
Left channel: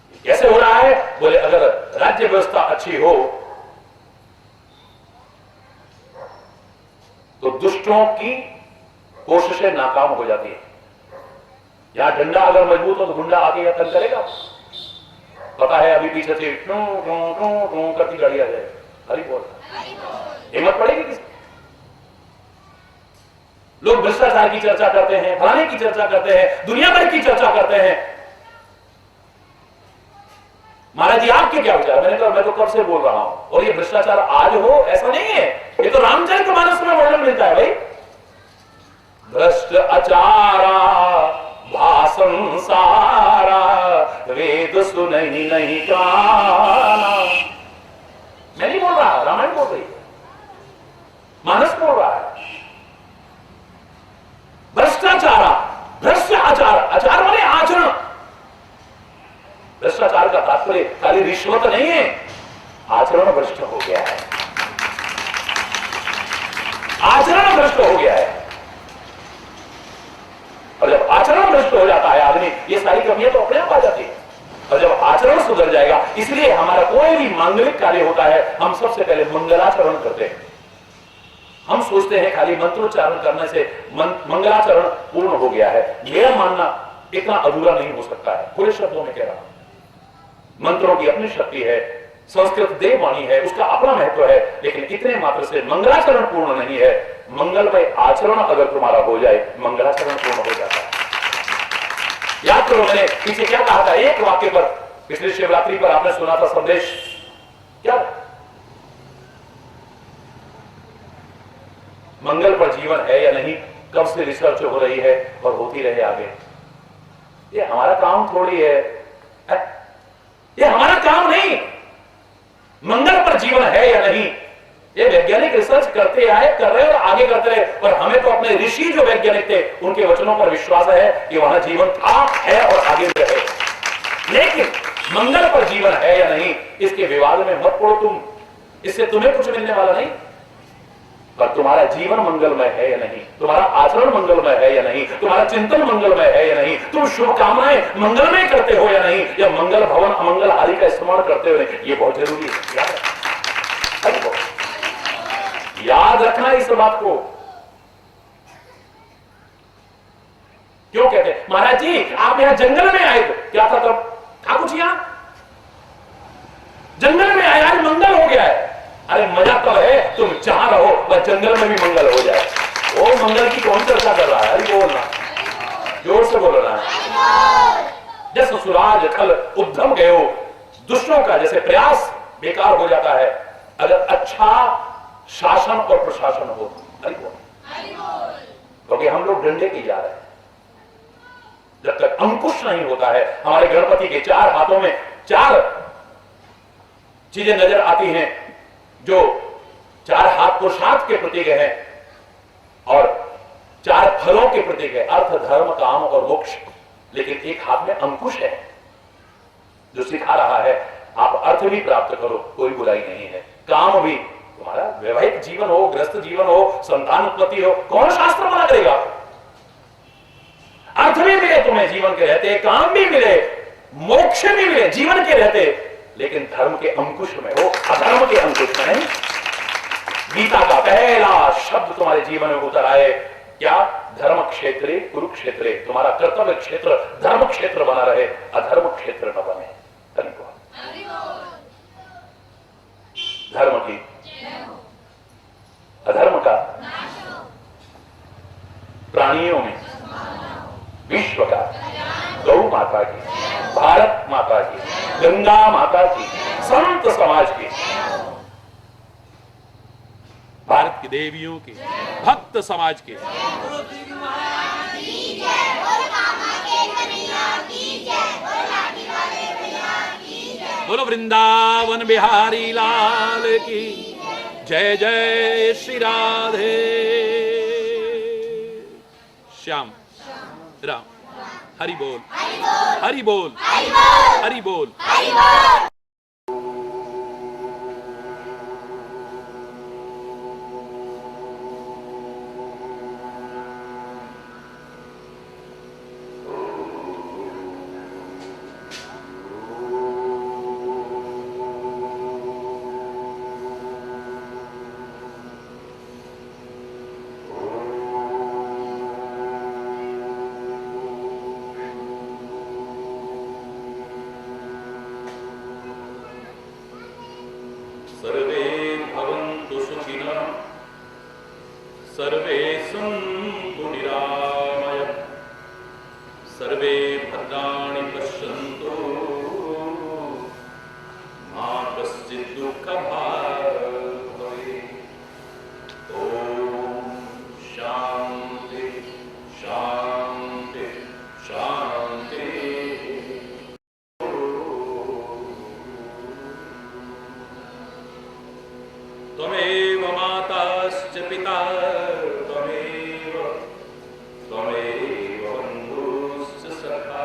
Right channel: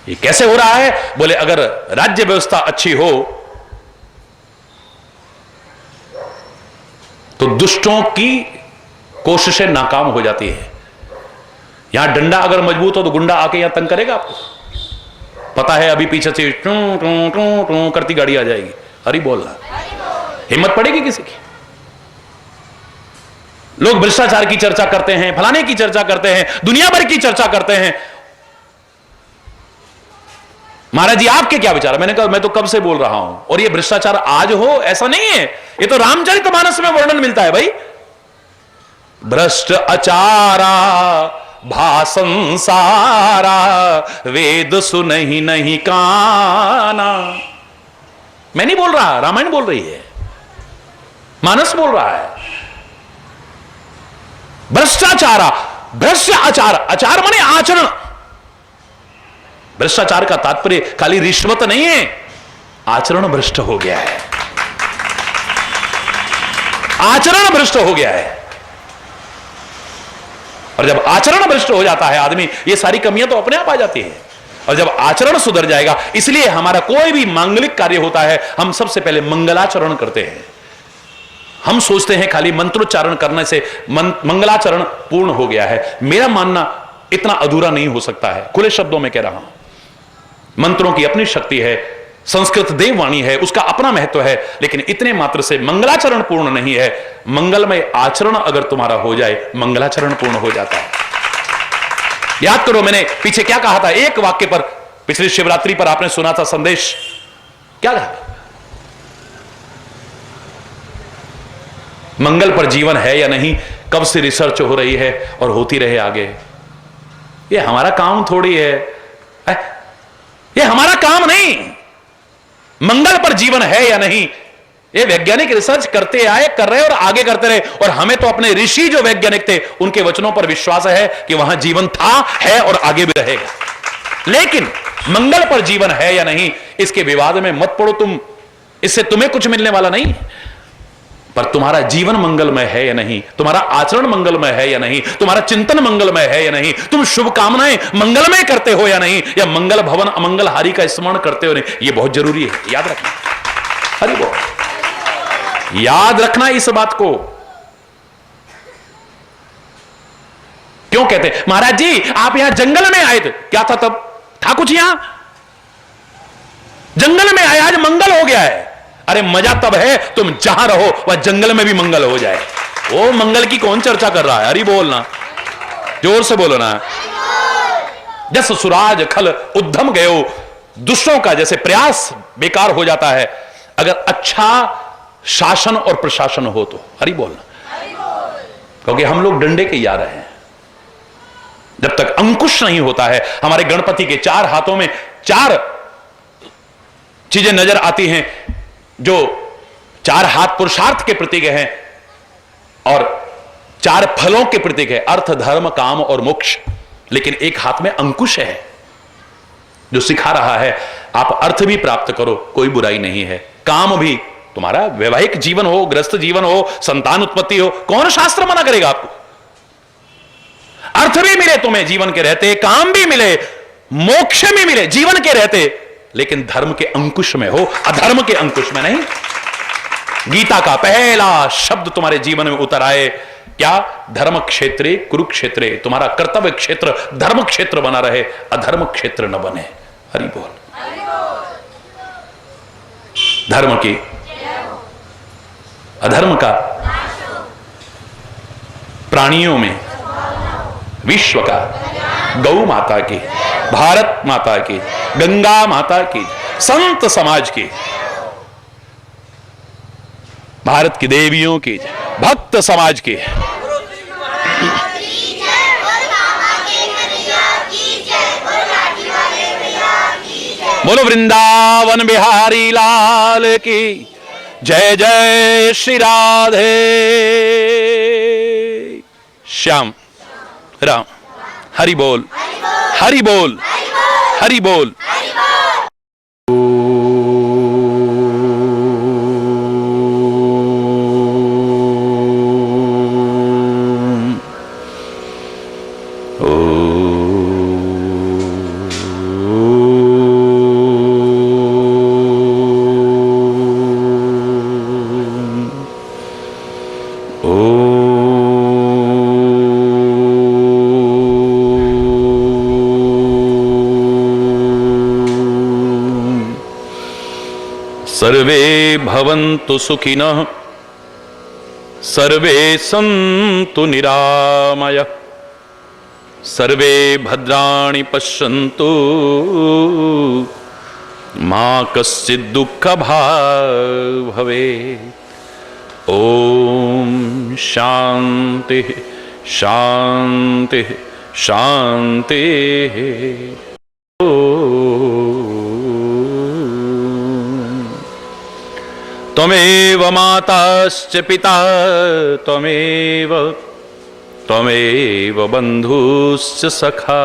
ये कैसे हो रहा है? बोले अगर राज्य व्यवस्था अच्छी हो तो दुष्टों की कोशिशें नाकाम हो जाती है। यहां डंडा अगर मजबूत हो तो गुंडा आके यहां तंग करेगा आपको, पता है अभी पीछे से टू टू टू टू करती गाड़ी आ जाएगी। हरि बोलना, हिम्मत पड़ेगी किसी की? लोग भ्रष्टाचार की चर्चा करते हैं, फलाने की चर्चा करते हैं, दुनिया भर की चर्चा करते हैं। महाराज जी आपके क्या विचार? मैंने कहा मैं तो कब से बोल रहा हूं, और ये भ्रष्टाचार आज हो ऐसा नहीं है, ये तो रामचरितमानस में वर्णन मिलता है भाई। भ्रष्ट आचारा भासंसारा, वेद सुनहि नहीं काना। मैं नहीं बोल रहा, रामायण बोल रही है, मानस बोल रहा है। भ्रष्टाचारा, भ्रष्ट आचार, आचार माने आचरण। भ्रष्टाचार का तात्पर्य खाली रिश्वत नहीं है, आचरण भ्रष्ट हो गया है, आचरण भ्रष्ट हो गया है। और जब आचरण भ्रष्ट हो जाता है आदमी, ये सारी कमियां तो अपने आप आ जाती हैं। और जब आचरण सुधर जाएगा, इसलिए हमारा कोई भी मांगलिक कार्य होता है, हम सबसे पहले मंगलाचरण करते हैं। हम सोचते हैं खाली मंत्रोच्चारण करने से मंगलाचरण पूर्ण हो गया है। मेरा मानना इतना अधूरा नहीं हो सकता है, खुले शब्दों में कह रहा हूं। मंत्रों की अपनी शक्ति है, संस्कृत देववाणी है, उसका अपना महत्व है, लेकिन इतने मात्र से मंगलाचरण पूर्ण नहीं है। मंगलमय आचरण अगर तुम्हारा हो जाए, मंगलाचरण पूर्ण हो जाता है। याद करो मैंने पीछे क्या कहा था, एक वाक्य पर, पिछली शिवरात्रि पर आपने सुना था संदेश, क्या था? मंगल पर जीवन है या नहीं, कब से रिसर्च हो रही है और होती रहे आगे। ये हमारा काम थोड़ी है, ये हमारा काम नहीं। मंगल पर जीवन है या नहीं, ये वैज्ञानिक रिसर्च करते आए, कर रहे और आगे करते रहे, और हमें तो अपने ऋषि जो वैज्ञानिक थे उनके वचनों पर विश्वास है कि वहां जीवन था, है और आगे भी रहेगा। लेकिन मंगल पर जीवन है या नहीं, इसके विवाद में मत पड़ो तुम, इससे तुम्हें कुछ मिलने वाला नहीं। पर तुम्हारा जीवन मंगलमय है या नहीं, तुम्हारा आचरण मंगलमय है या नहीं, तुम्हारा चिंतन मंगलमय है या नहीं, तुम शुभकामनाएं मंगलमय करते हो या नहीं, या मंगल भवन अमंगलहारी का स्मरण करते हो नहीं, ये बहुत जरूरी है। याद रखना, अरे वो याद रखना इस बात को। क्यों कहते महाराज जी आप यहां जंगल में आए थे, क्या था तब? था कुछ यहां? जंगल में आए, आज मंगल हो गया है। अरे मजा तब है तुम जहां रहो वह जंगल में भी मंगल हो जाए। वो मंगल की कौन चर्चा कर रहा है? अरे बोलना, जोर से बोलना। जस सुराज खल उद्यम गयो, दुष्टों का जैसे प्रयास बेकार हो जाता है अगर अच्छा शासन और प्रशासन हो तो। हरि बोलना, क्योंकि हम लोग डंडे के यार हैं। जब तक अंकुश नहीं होता है, हमारे गणपति के चार हाथों में चार चीजें नजर आती हैं, जो चार हाथ पुरुषार्थ के प्रतीक हैं और चार फलों के प्रतीक है, अर्थ धर्म काम और मोक्ष। लेकिन एक हाथ में अंकुश है जो सिखा रहा है आप अर्थ भी प्राप्त करो, कोई बुराई नहीं है। काम भी, तुम्हारा वैवाहिक जीवन हो, गृहस्थ जीवन हो, संतान उत्पत्ति हो, कौन शास्त्र मना करेगा आपको? अर्थ भी मिले तुम्हें जीवन के रहते, काम भी मिले, मोक्ष भी मिले जीवन के रहते, लेकिन धर्म के अंकुश में हो, अधर्म के अंकुश में नहीं। गीता का पहला शब्द तुम्हारे जीवन में उतर आए, क्या? धर्म क्षेत्रे कुरुक्षेत्रे, तुम्हारा कर्तव्य क्षेत्र धर्म क्षेत्र बना रहे, अधर्म क्षेत्र न बने। हरि बोल। धर्म की, अधर्म का, प्राणियों में, विश्व का, गौ माता की, भारत माता की, गंगा माता की, संत समाज की, भारत की देवियों की, भक्त समाज की। बोलो वृंदावन बिहारी लाल की जय। जय श्री राधे श्याम राम। हरि बोल, हरि बोल, हरि बोल। सर्वे भवन्तु सुखिनः, सर्वे सन्तु निरामयः, सर्वे भद्राणि पश्यन्तु, मा कश्चित् दुःखभाग् भवेत्। ओम शांति शांति शांति। त्वमेव माताश्च पिता त्वमेव, त्वमेव बन्धुश्च सखा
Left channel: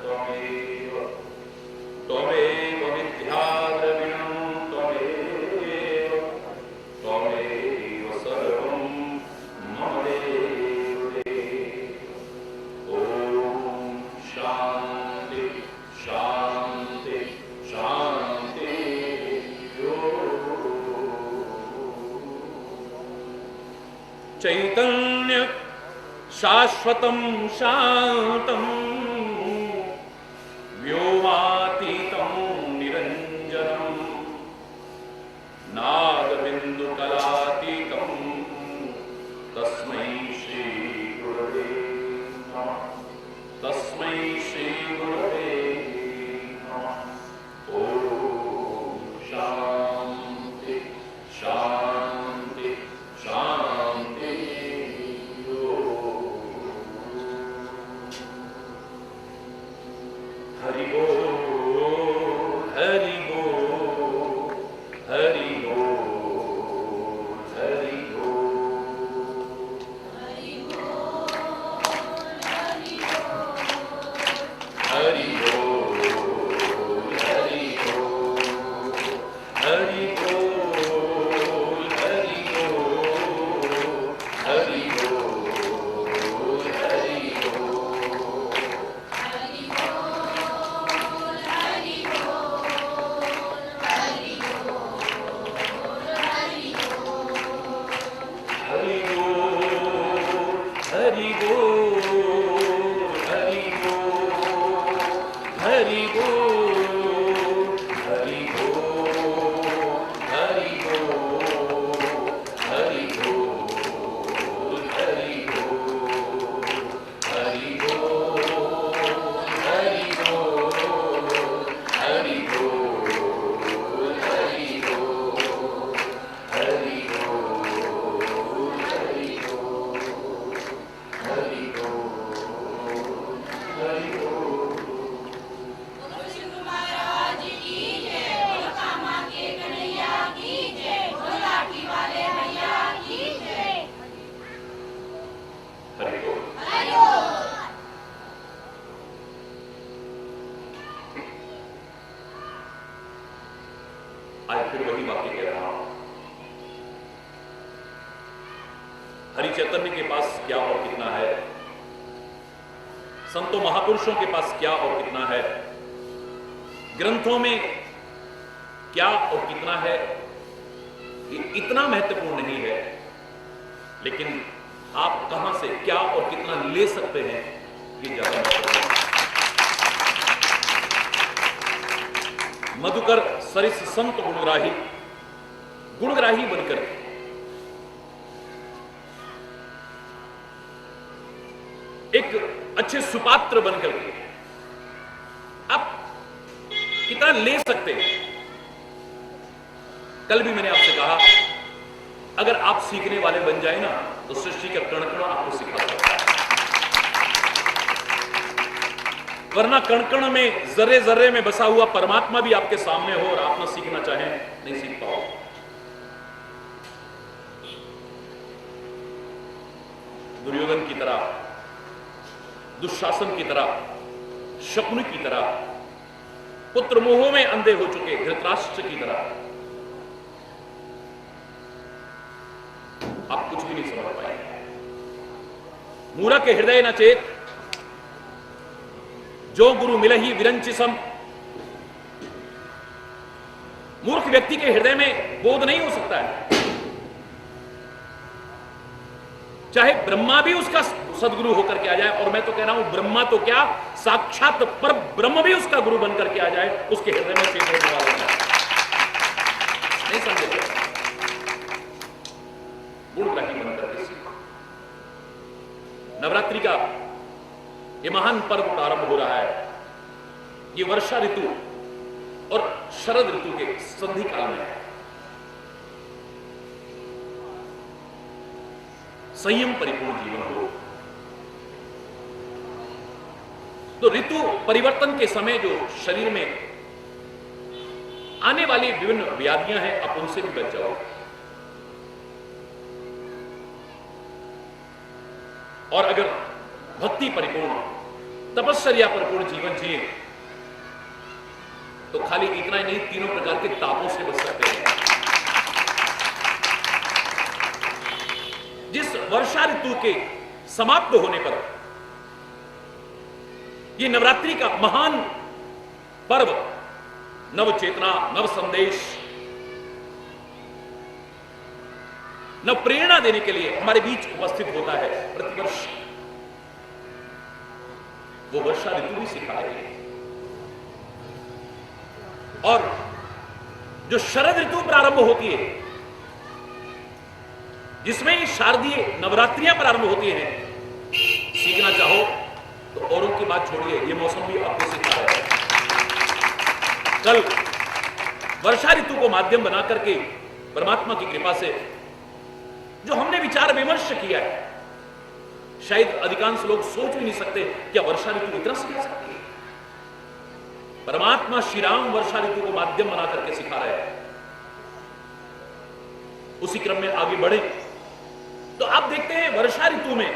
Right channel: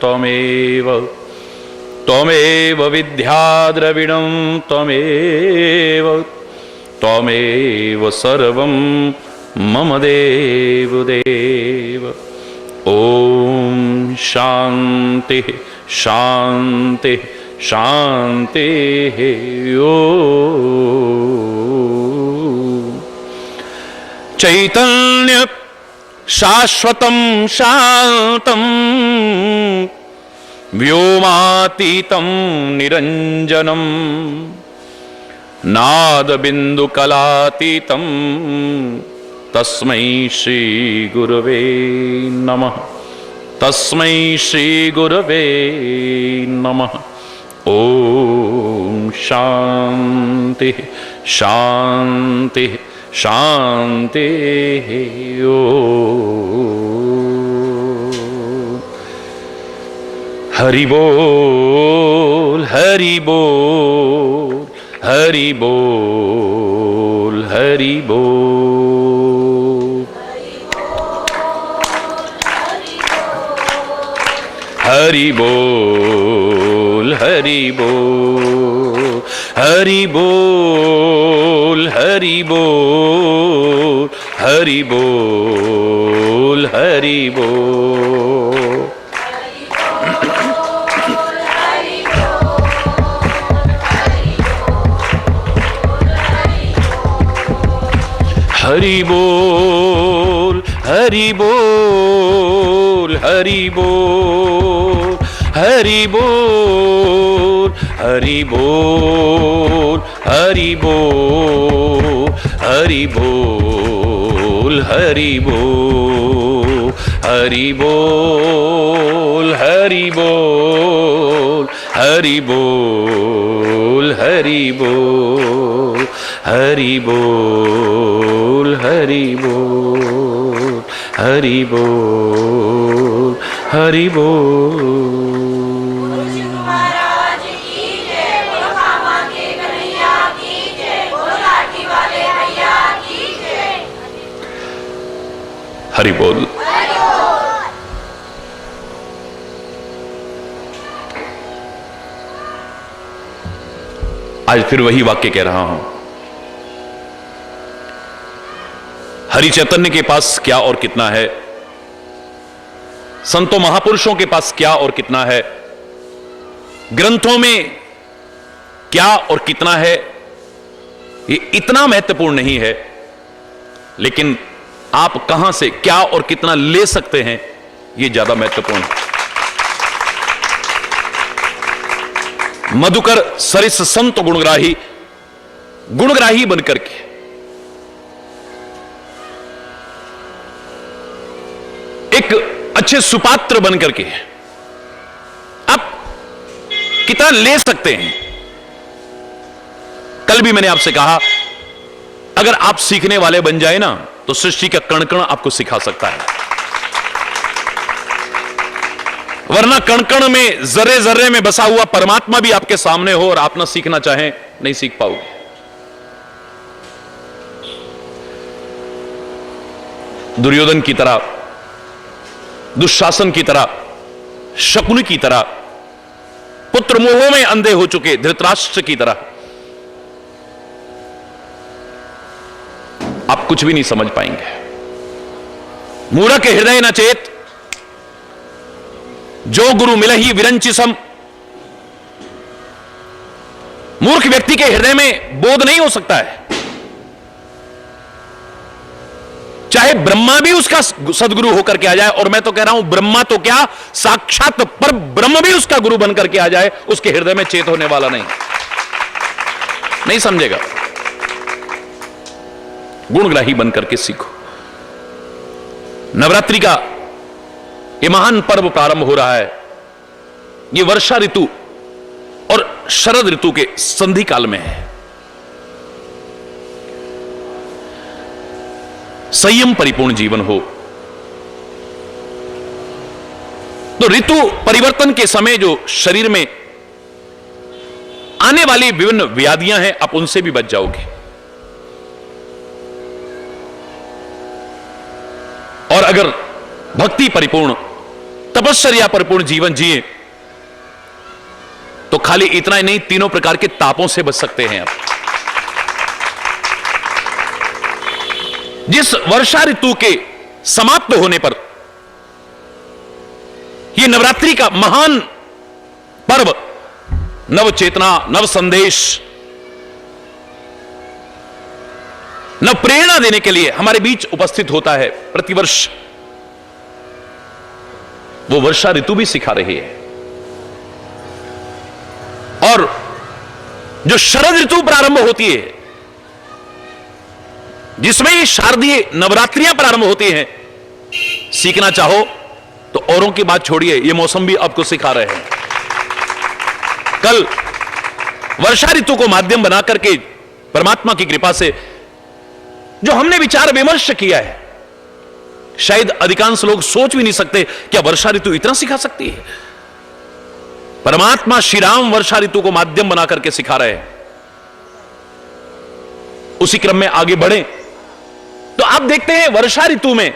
त्वमेव, त्वमेव विद्या द्रविणं त्वमेव, त्वमेव सर्वं मम देव देव। ओम शांति शांति शांति। चैतन्य शाश्वतं शांतं व्योमातीतं निरंजनम नादबिंदुकलातीतं तस्मै श्री गुरवे नमः। तस्मै श्री गुरवे नमः। ओम शांति शांति शांति। हरि बोल हरि बोल हरि बोल हरि बोल हरि बोल हरि बोल हरि बोल हरि बोल हरि बोल हरि बोल। हरि बोल हरि बोल हरि बोल हरि बोल हरि बोल हरि बोल हरि बोल हरि बोल हरि बोल हरि बोल हरि बोल हरि बोल हरि बोल हरि बोल हरि बोल हरि बोल। हरि बोल। आज फिर वही वाक्य कह रहा हूं। हरि चैतन्य के पास क्या और कितना है, संतों महापुरुषों के पास क्या और कितना है, ग्रंथों में क्या और कितना है, ये इतना महत्वपूर्ण नहीं है, लेकिन आप कहां से क्या और कितना ले सकते हैं, ये ज्यादा महत्वपूर्ण है। मधुकर सरिस संत गुणग्राही बनकर के एक अच्छे सुपात्र बनकर के आप कितना ले सकते हैं। कल भी मैंने आपसे कहा, अगर आप सीखने वाले बन जाए ना, तो सृष्टि का कण कण आपको सिखा सकता है, वरना कण कण में जर्रे जर्रे में बसा हुआ परमात्मा भी आपके सामने हो और आप ना सीखना चाहें, नहीं सीख पाओगे। दुर्योधन की तरह, दुशासन की तरह, शकुन की तरह, पुत्र मोह में अंधे हो चुके धृतराष्ट्र की तरह आप कुछ भी नहीं समझ पाएंगे। मूढ़क हृदय न चेत, जो गुरु मिलहि विरंचि सम। मूर्ख व्यक्ति के हृदय में बोध नहीं हो सकता है, चाहे ब्रह्मा भी उसका सदगुरु होकर के आ जाए, और मैं तो कह रहा हूं ब्रह्मा तो क्या, साक्षात पर ब्रह्म भी उसका गुरु बनकर के आ जाए, उसके हृदय में चेत होने वाला नहीं समझेगा। गुणग्राही बनकर के सीखो। नवरात्रि का यह महान पर्व प्रारंभ हो रहा है। यह वर्षा ऋतु और शरद ऋतु के संधि काल में है। संयम परिपूर्ण जीवन हो तो ऋतु परिवर्तन के समय जो शरीर में आने वाली विभिन्न व्याधियां हैं, आप उनसे भी बच जाओगे। और अगर भक्ति परिपूर्ण, तपश्चर्या परिपूर्ण जीवन जिए तो खाली इतना ही नहीं, तीनों प्रकार के तापों से बच सकते हैं आप। जिस वर्षा ऋतु के समाप्त होने पर यह नवरात्रि का महान पर्व नव चेतना, नव संदेश, नव प्रेरणा देने के लिए हमारे बीच उपस्थित होता है प्रतिवर्ष, वो वर्षा ऋतु भी सिखा रही है और जो शरद ऋतु प्रारंभ होती है, जिसमें ये शारदीय नवरात्रियां प्रारंभ होती हैं, सीखना चाहो तो औरों की बात छोड़िए, ये मौसम भी आपको सिखा रहे हैं। कल वर्षा ऋतु को माध्यम बना करके परमात्मा की कृपा से जो हमने विचार विमर्श किया है, शायद अधिकांश लोग सोच भी नहीं सकते क्या वर्षा ऋतु इतना सिखा सकती है। परमात्मा श्री राम वर्षा ऋतु को माध्यम बना करके सिखा रहे हैं। उसी क्रम में आगे बढ़े तो आप देखते हैं वर्षा ऋतु में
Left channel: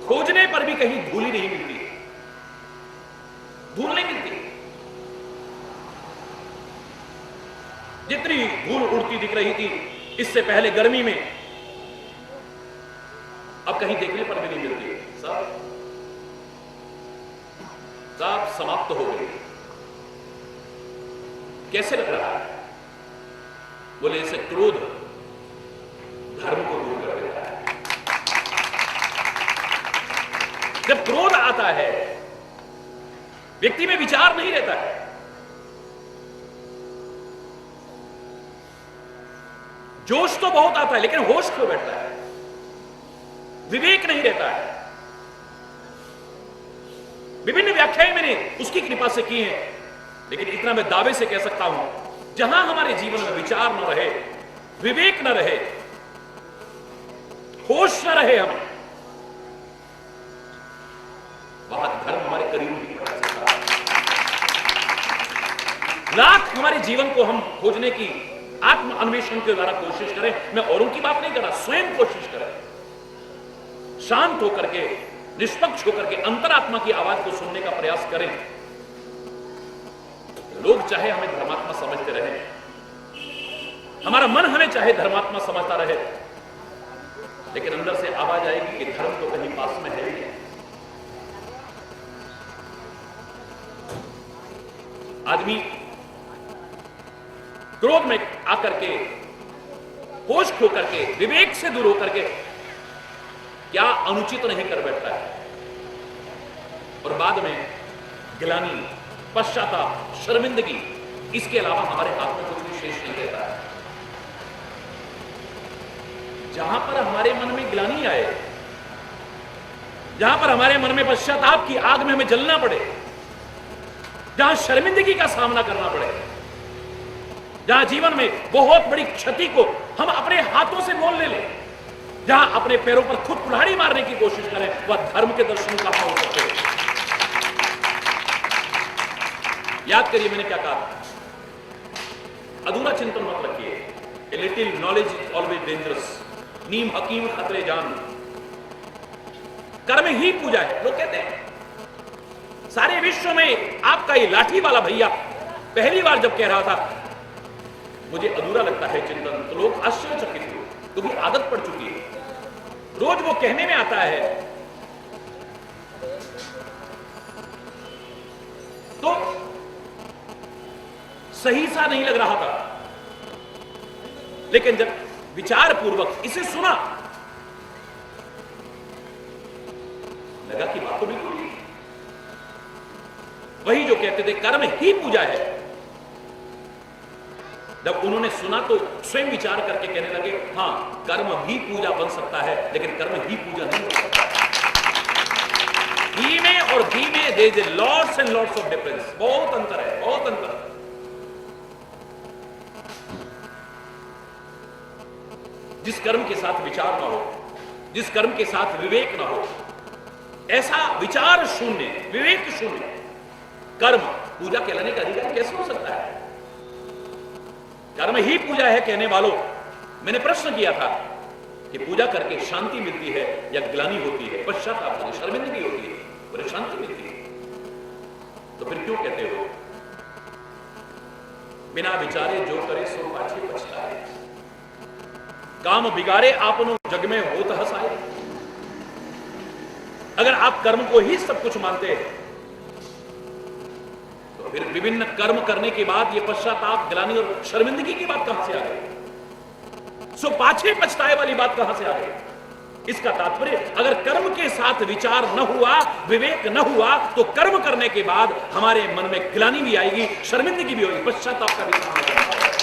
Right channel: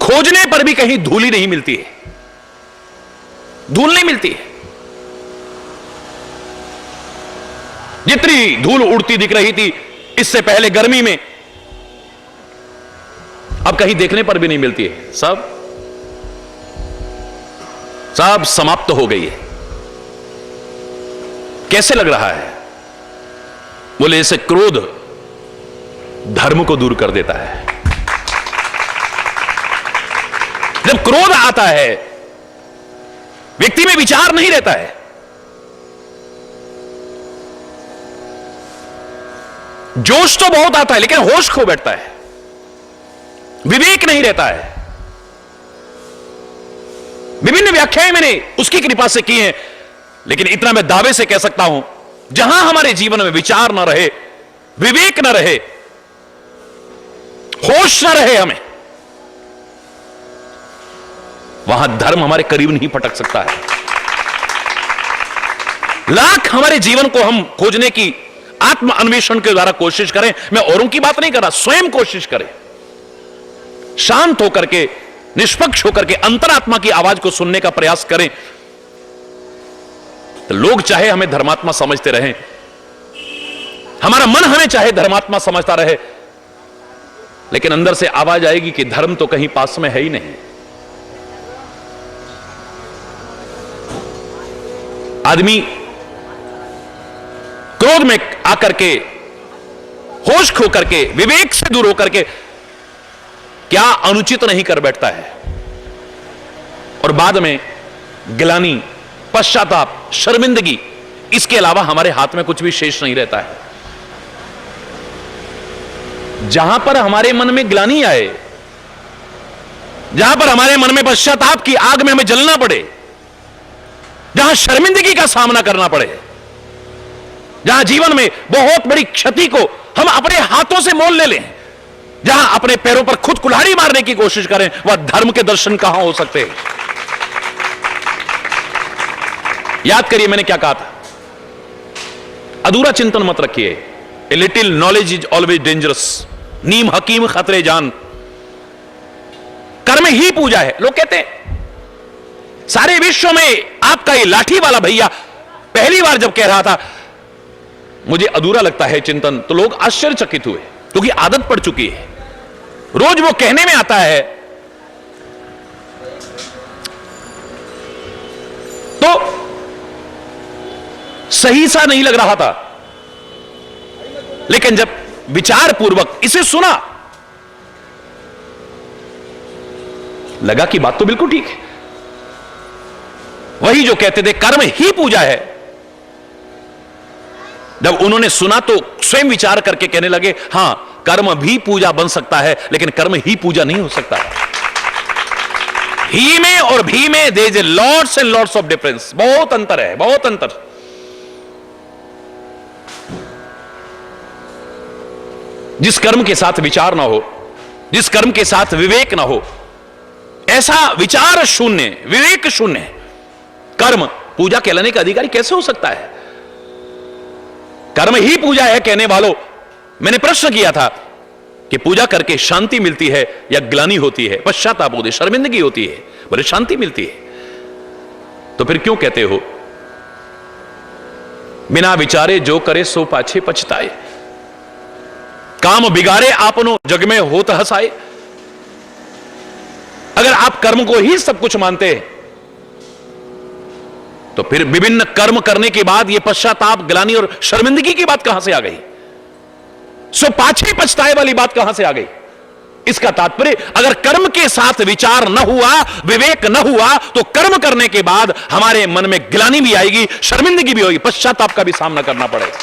खोजने पर भी कहीं धूल ही नहीं मिलती है, धूल नहीं मिलती है। जितनी धूल उड़ती दिख रही थी इससे पहले गर्मी में, अब कहीं देखने पर भी नहीं मिलती है, सब समाप्त हो गई है। कैसे लग रहा है? बोले ऐसे क्रोध धर्म को दूर कर देता है। जब क्रोध आता है व्यक्ति में विचार नहीं रहता है, जोश तो बहुत आता है लेकिन होश खो बैठता है, विवेक नहीं रहता है। विभिन्न व्याख्याएं मैंने उसकी कृपा से की हैं, लेकिन इतना मैं दावे से कह सकता हूं, जहां हमारे जीवन में विचार न रहे, विवेक न रहे, होश न रहे हमें, वहां धर्म हमारे करीब नहीं फटक सकता है। लाख हमारे जीवन को हम खोजने की आत्म अन्वेषण के द्वारा कोशिश करें, मैं औरों की बात नहीं कर रहा, स्वयं कोशिश करें, शांत होकर के, निष्पक्ष होकर के अंतरात्मा की आवाज को सुनने का प्रयास करें, तो लोग चाहे हमें धर्मात्मा समझते रहें, हमारा मन हमें चाहे धर्मात्मा समझता रहे, लेकिन अंदर से आवाज आएगी कि धर्म तो कहीं पास में है ही नहीं। आदमी क्रोध में आकर के, होश खो करके, विवेक से दूर होकर के क्या अनुचित नहीं कर बैठता है, और बाद में गिलानी, पश्चाताप, शर्मिंदगी, इसके अलावा हमारे हाथ में कुछ भी शेष नहीं रहता है। जहां पर हमारे मन में ग्लानि आए, जहां पर हमारे मन में पश्चाताप की आग में हमें जलना पड़े, जहां शर्मिंदगी का सामना करना पड़े, जहां जीवन में बहुत बड़ी क्षति को हम अपने हाथों से मोल ले लें, जहां अपने पैरों पर खुद कुल्हाड़ी मारने की कोशिश करें, वह धर्म के दर्शन कहां हो सकते हैं? याद करिए मैंने क्या कहा था, अधूरा चिंतन मत रखिए। A little knowledge is always dangerous, नीम हकीम खतरे जान। कर्म ही पूजा है। लोग कहते हैं सारे विश्व में आपका ये लाठी वाला भैया पहली बार जब कह रहा था मुझे अधूरा लगता है चिंतन, तो लोग आश्चर्यचकित हुए, क्योंकि आदत पड़ चुकी है, रोज वो कहने में आता है। तो सही सा नहीं लग रहा था, लेकिन जब विचार पूर्वक इसे सुना, लगा कि बात तो बिल्कुल ठीक है। वही जो कहते थे कर्म ही पूजा है, जब उन्होंने सुना तो स्वयं विचार करके कहने लगे हां, कर्म भी पूजा बन सकता है, लेकिन कर्म ही पूजा नहीं हो सकता। ही में और भी में there is lots and lots of difference, बहुत अंतर है, बहुत अंतर। जिस कर्म के साथ विचार ना हो, जिस कर्म के साथ विवेक ना हो, ऐसा विचार शून्य, विवेक शून्य कर्म पूजा कहलाने का अधिकारी कैसे हो सकता है? कर्म ही पूजा है कहने वालों, मैंने प्रश्न किया था कि पूजा करके शांति मिलती है या ग्लानि होती है, पश्चाताप होती है, शर्मिंदगी होती है? बोले शांति मिलती है। तो फिर क्यों कहते हो बिना विचारे जो करे सो पाछे पछताए, काम बिगाड़े आपनो जग में होत हसाए? अगर आप कर्म को ही सब कुछ मानते हैं तो फिर विभिन्न कर्म करने के बाद यह पश्चाताप, ग्लानि और शर्मिंदगी की बात कहां से आ गई? सो पाछे पछताए वाली बात कहां से आ गई? इसका तात्पर्य, अगर कर्म के साथ विचार न हुआ, विवेक न हुआ, तो कर्म करने के बाद हमारे मन में ग्लानि भी आएगी, शर्मिंदगी भी होगी, पश्चाताप का भी सामना करना पड़ेगा,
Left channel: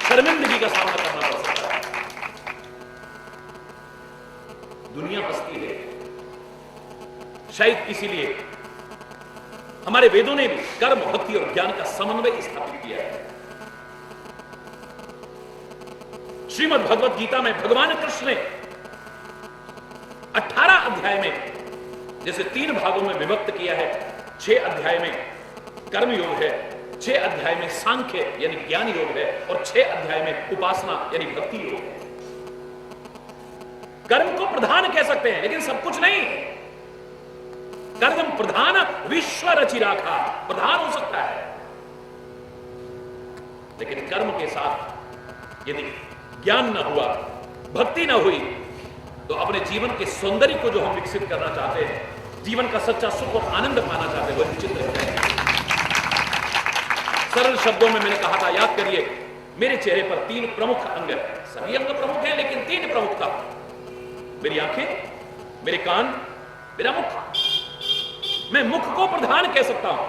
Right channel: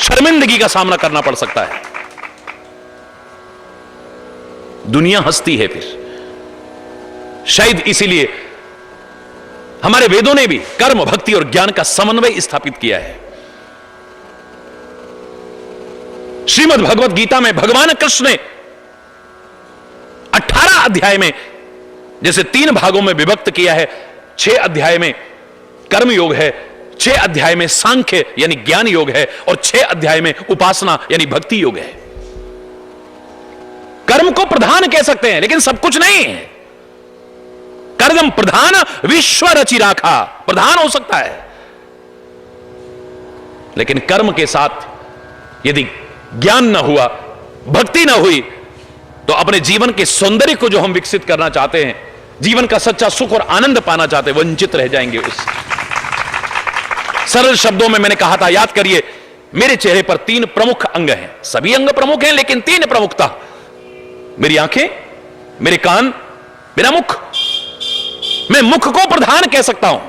शर्मिंदगी का सामना करना पड़ सकता है। दुनिया हंसती है फिर। शायद इसीलिए हमारे वेदों ने भी कर्म, भक्ति और ज्ञान का समन्वय स्थापित किया है। श्रीमद् भगवत गीता में भगवान कृष्ण ने 18 अध्याय में जैसे 3 भागों में विभक्त किया है, 6 अध्याय में कर्म योग है, 6 अध्याय में सांख्य यानी ज्ञान योग है, और 6 अध्याय में उपासना यानी भक्ति योग है। कर्म को प्रधान कह सकते हैं, लेकिन सब कुछ नहीं है। कर्म प्रधान विश्व रचि राखा, प्रधान हो सकता है, लेकिन कर्म के साथ यदि ज्ञान न हुआ, भक्ति न हुई, तो अपने जीवन के सौंदर्य को जो हम विकसित करना चाहते हैं, जीवन का सच्चा सुख और आनंद पाना चाहते हैं, वंचित रह जाएंगे उससे। सरल शब्दों में मैंने कहा था, याद करिए, मेरे चेहरे पर 3 प्रमुख अंग हैं। सभी अंग प्रमुख हैं, लेकिन 3 प्रमुखता, मेरी आंखें, मेरे कान, मेरा मुख। मैं मुख को प्रधान कह सकता हूं,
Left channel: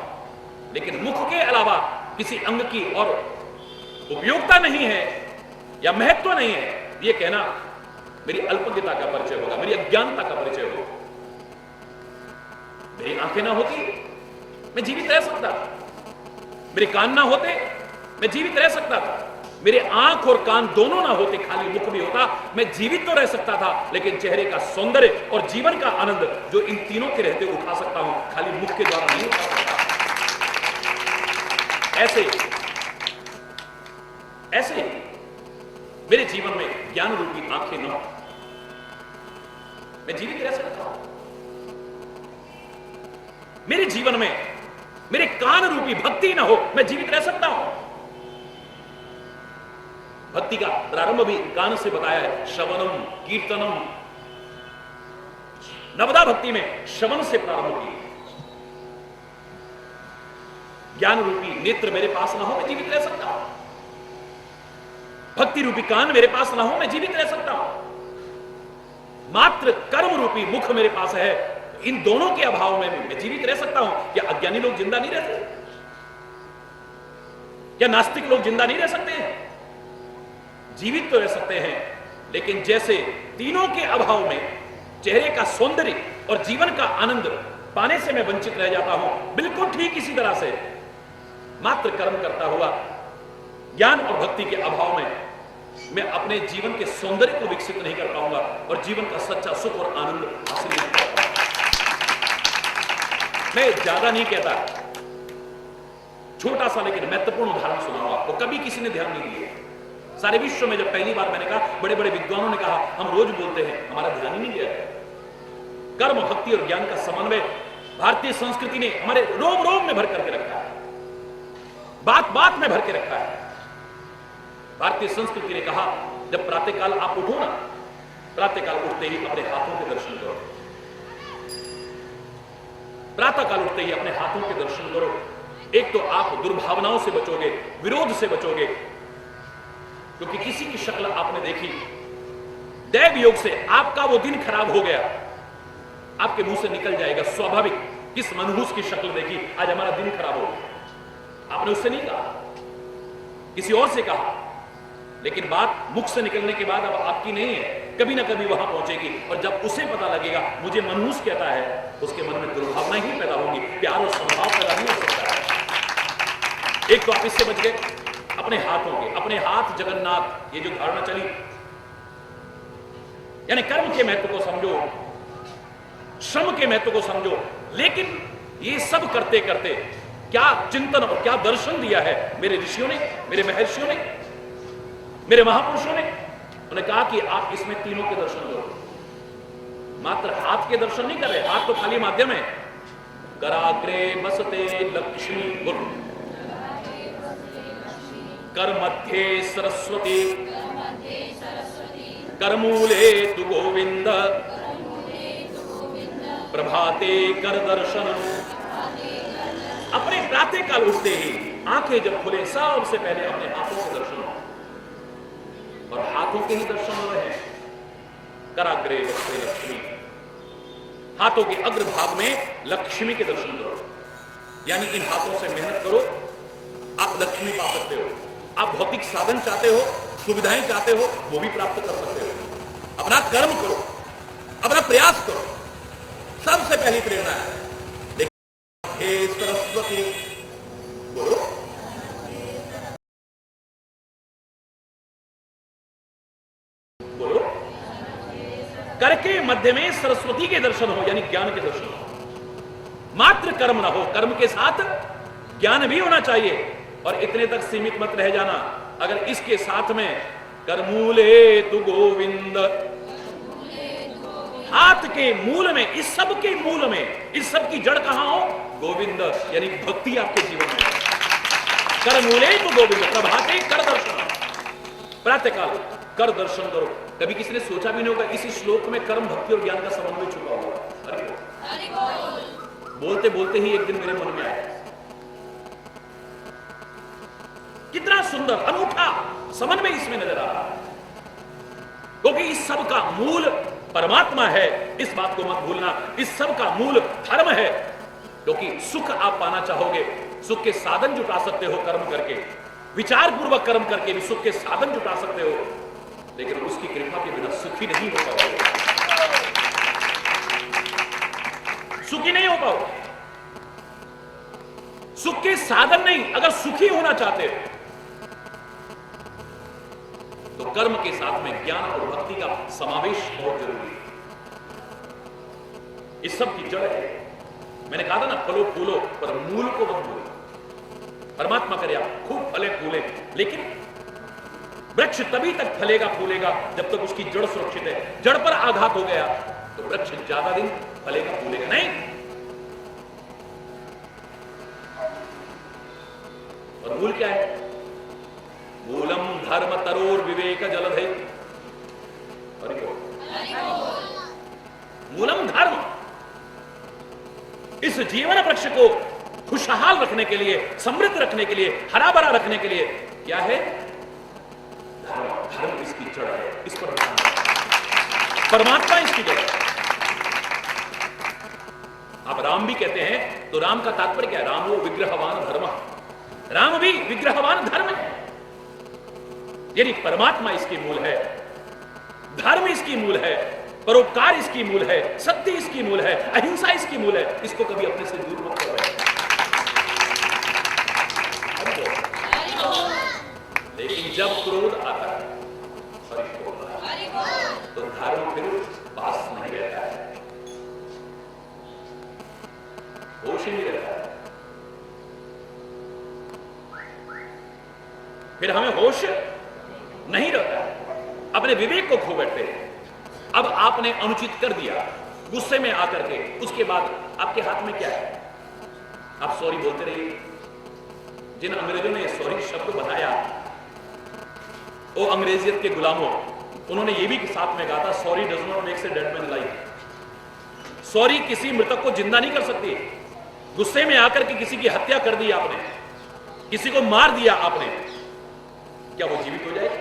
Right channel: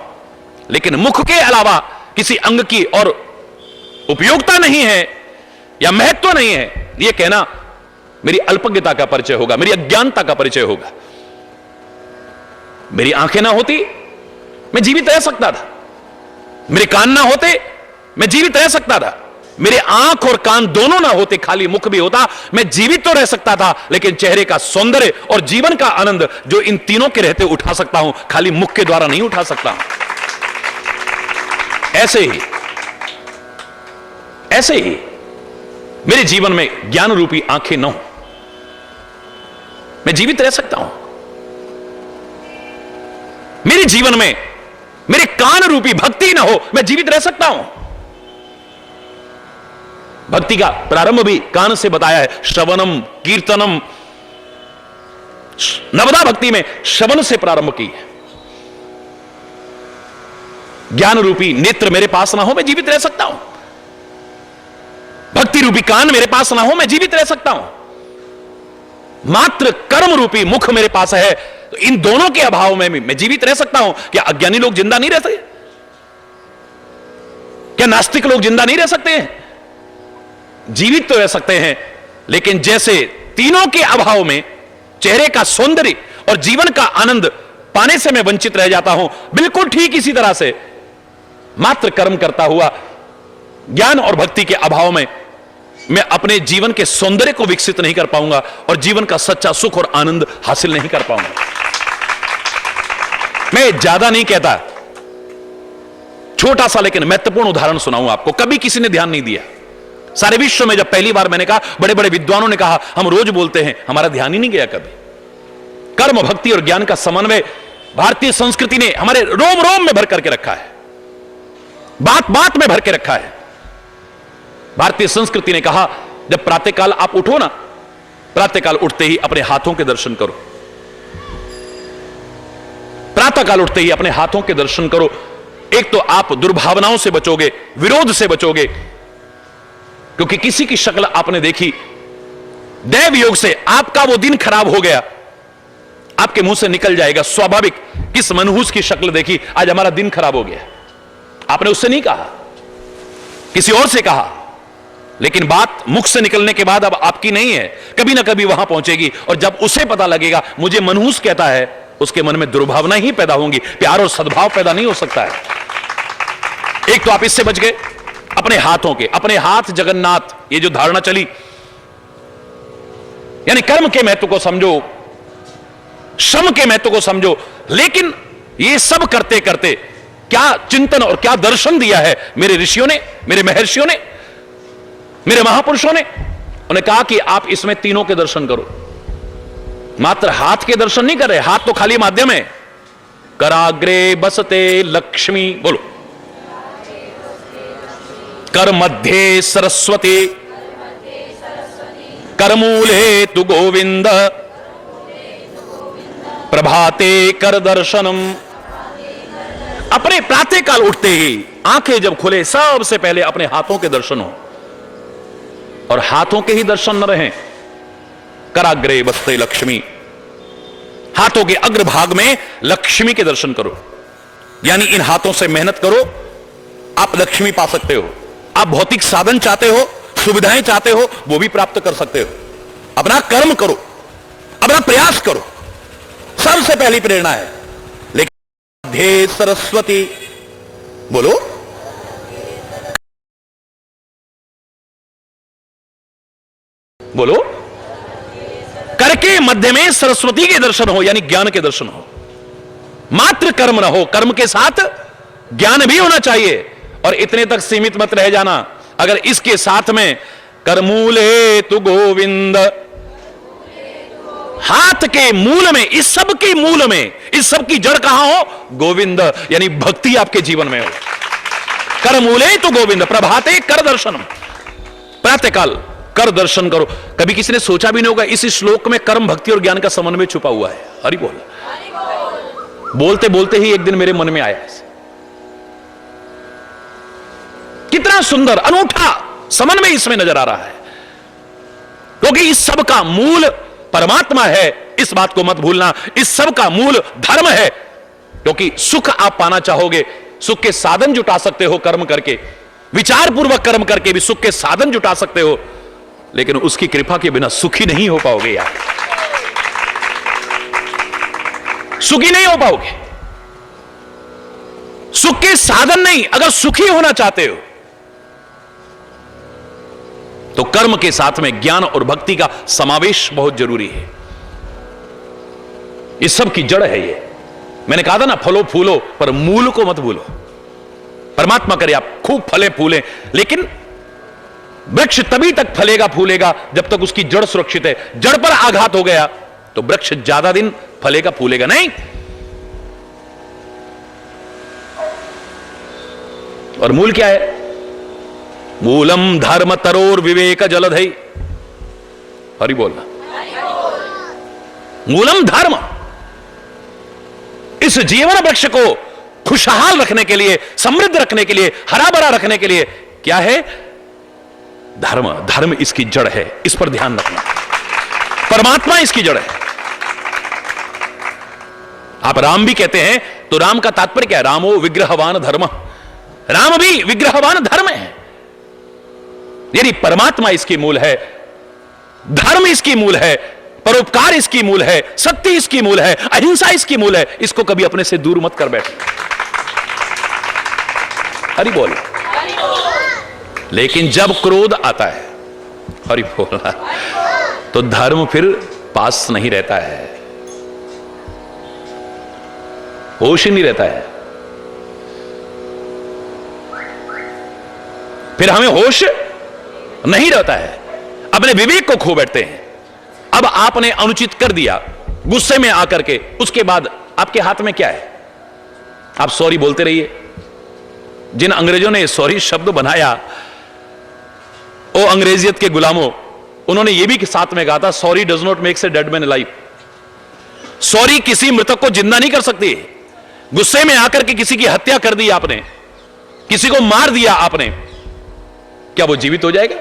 लेकिन मुख के अलावा किसी अंग की और उपयोगिता नहीं है या महत्व नहीं है, यह कहना मेरी अल्पज्ञता का परिचय होगा, मेरी अज्ञानता का परिचय होगा। मेरी आंखें ना होती मैं जीवित रह सकता था, मेरे कान ना होते मैं जीवित रह सकता था, मेरे आंख और कान दोनों ना होते, खाली मुख भी होता, मैं जीवित तो रह सकता था, लेकिन चेहरे का सौंदर्य और जीवन का आनंद जो इन तीनों के रहते उठा सकता हूं, खाली मुख के द्वारा नहीं उठा सकता। ऐसे ही मेरे जीवन में ज्ञान रूपी आंखें न हो, मैं जीवित रह सकता हूं। मेरे जीवन में मेरे कान रूपी भक्ति न हो, मैं जीवित रह सकता हूं। भक्ति का प्रारंभ भी कान से बताया है, श्रवणम कीर्तनम। नवदा भक्ति में श्रवण से प्रारंभ की है। ज्ञान रूपी नेत्र मेरे पास ना हो, मैं जीवित रह सकता हूं। भक्ति रूपी कान मेरे पास ना हो, मैं जीवित रह सकता हूं। मात्र कर्म रूपी मुख मेरे पास है, तो इन दोनों के अभाव में मैं जीवित रह सकता हूं। क्या अज्ञानी लोग जिंदा नहीं रह सकते? क्या नास्तिक लोग जिंदा नहीं रह सकते हैं? जीवित तो रह सकते हैं, लेकिन जैसे तीनों के अभाव में चेहरे का सौंदर्य और जीवन का आनंद पाने से मैं वंचित रह जाता हूं, बिल्कुल ठीक इसी तरह से मात्र कर्म करता हुआ ज्ञान और भक्ति के अभाव में मैं अपने जीवन के सौंदर्य को विकसित नहीं कर पाऊंगा और जीवन का सच्चा सुख और आनंद हासिल नहीं कर पाऊंगा। मैं ज्यादा नहीं कहता, छोटा सा लेकिन महत्वपूर्ण उदाहरण सुनाऊं आपको, कभी किसी ने ध्यान नहीं दिया। सारे विश्व में जब पहली बार मैंने कहा, बड़े बड़े विद्वानों ने कहा, हम रोज बोलते हैं, हमारा ध्यान ही नहीं गया कभी। कर्म, भक्ति और ज्ञान का समन्वय भारतीय संस्कृति ने हमारे रोम रोम में भर करके रखा है, बात बात में भर के रखा है। भारतीय संस्कृति ने कहा, जब प्रातःकाल आप उठो ना, प्रातःकाल उठते ही अपने हाथों के दर्शन करो। प्रातःकाल उठते ही अपने हाथों के दर्शन करो। एक तो आप दुर्भावनाओं से बचोगे, विरोध से बचोगे, क्योंकि किसी की शक्ल आपने देखी, दैव योग से आपका वो दिन खराब हो गया, आपके मुंह से निकल जाएगा स्वाभाविक, किस मनहूस की शक्ल देखी, आज हमारा दिन खराब हो गया। आपने उससे नहीं कहा, किसी और से कहा, लेकिन बात मुख से निकलने के बाद अब आपकी नहीं है, कभी ना कभी वहां पहुंचेगी। और जब उसे पता लगेगा मुझे मनहूस कहता है, उसके मन में दुर्भावना ही पैदा होंगी, प्यार और सद्भाव पैदा नहीं हो सकता है। एक तो आप इससे बच गए अपने हाथों के, अपने हाथ जगन्नाथ, ये जो धारणा चली, यानी कर्म के महत्व को समझो, श्रम के महत्व को समझो। लेकिन ये सब करते करते क्या चिंतन और क्या दर्शन दिया है मेरे ऋषियों ने, मेरे महर्षियों ने, मेरे महापुरुषों ने। उन्हें कहा कि आप इसमें तीनों के दर्शन करो। मात्र हाथ के दर्शन नहीं कर रहे, हाथ तो खाली माध्यम है। कराग्रे बसते लक्ष्मी, बोलो, कर मध्य सरस्वती, करमूले तु गोविंद, प्रभाते कर दर्शनम। अपने प्रातःकाल उठते ही आंखें जब खुले, सबसे पहले अपने हाथों के दर्शन हो। और हाथों के ही दर्शन न रहें, कराग्रे बस्ते लक्ष्मी, हाथों के अग्रभाग में लक्ष्मी के दर्शन करो, यानी इन हाथों से मेहनत करो, आप लक्ष्मी पा सकते हो। आप भौतिक साधन चाहते हो, सुविधाएं चाहते हो, वो भी प्राप्त कर सकते हो। अपना कर्म करो, अपना प्रयास करो, सबसे पहली प्रेरणा है। लेकिन ध्ये सरस्वती, बोलो, बोलो, करके मध्य में सरस्वती के दर्शन हो, यानी ज्ञान के दर्शन हो। मात्र कर्म ना हो, कर्म के साथ ज्ञान भी होना चाहिए। और इतने तक सीमित मत रह जाना, अगर इसके साथ में करमूले तु गोविंद, हाथ के मूल में, इस सब के मूल में, इस सब की जड़ कहां हो? गोविंद, यानी भक्ति आपके जीवन में हो। करमूले तु गोविंद, प्रभाते कर दर्शन, प्रातःकाल कर दर्शन करो। कभी किसी ने सोचा भी नहीं होगा इस श्लोक में कर्म, भक्ति और ज्ञान का समन्वय छुपा हुआ है। हरि बोल। बोलते बोलते ही एक दिन मेरे मन में आया, कितना सुंदर अनूठा समन्वय इसमें नजर आ रहा है, क्योंकि इस सब का मूल परमात्मा है, इस बात को मत भूलना। इस सब का मूल धर्म है, क्योंकि सुख आप पाना चाहोगे, सुख के साधन जुटा सकते हो कर्म करके, विचार पूर्वक कर्म करके भी सुख के साधन जुटा सकते हो, लेकिन उसकी कृपा के बिना सुखी नहीं हो पाओगे यार, सुखी नहीं हो पाओगे। सुख के साधन नहीं, अगर सुखी होना चाहते हो तो कर्म के साथ में ज्ञान और भक्ति का समावेश बहुत जरूरी है। इस सब की जड़ है ये। मैंने कहा था ना, फलो फूलो पर मूल को मत भूलो। परमात्मा करे आप खूब फले फूले, लेकिन वृक्ष तभी तक फलेगा फूलेगा जब तक उसकी जड़ सुरक्षित है। जड़ पर आघात हो गया तो वृक्ष ज्यादा दिन फलेगा फूलेगा नहीं। और मूल क्या है? मूलम धर्म तरोर विवेक जलधई। हरि बोलना, मूलम धर्म। इस जीवन वृक्ष को खुशहाल रखने के लिए, समृद्ध रखने के लिए, हरा भरा रखने के लिए क्या है? धर्म। धर्म इसकी जड़ है, इस पर ध्यान रखना। परमात्मा इसकी जड़ है। आप राम भी कहते हैं तो राम का तात्पर्य क्या है? रामो विग्रहवान धर्म। राम भी विग्रहवान धर्म है, यानी परमात्मा इसकी मूल है, धर्म इसकी मूल है, परोपकार इसकी मूल है, सत्य इसकी मूल है, अहिंसा इसकी मूल है। इसको कभी अपने से दूर मत कर बैठे। हरि बोल। लेकिन जब क्रोध आता है, हरि बोलना, तो धर्म फिर पास नहीं रहता है, होश ही नहीं रहता है। फिर हमें होश नहीं रहता है, अपने विवेक को खो बैठते हैं। अब आपने अनुचित कर दिया गुस्से में आकर के, उसके बाद आपके हाथ में क्या है? आप सॉरी बोलते रहिए। जिन अंग्रेजों ने सॉरी शब्द बनाया, ओ अंग्रेजियत के गुलामों, उन्होंने यह भी साथ में कहा था, sorry does not makes a dead man alive. Sorry किसी मृतक को जिंदा नहीं कर सकती। गुस्से में आकर के किसी की हत्या कर दी आपने, किसी को मार दिया आपने, क्या वो जीवित हो जाएगा?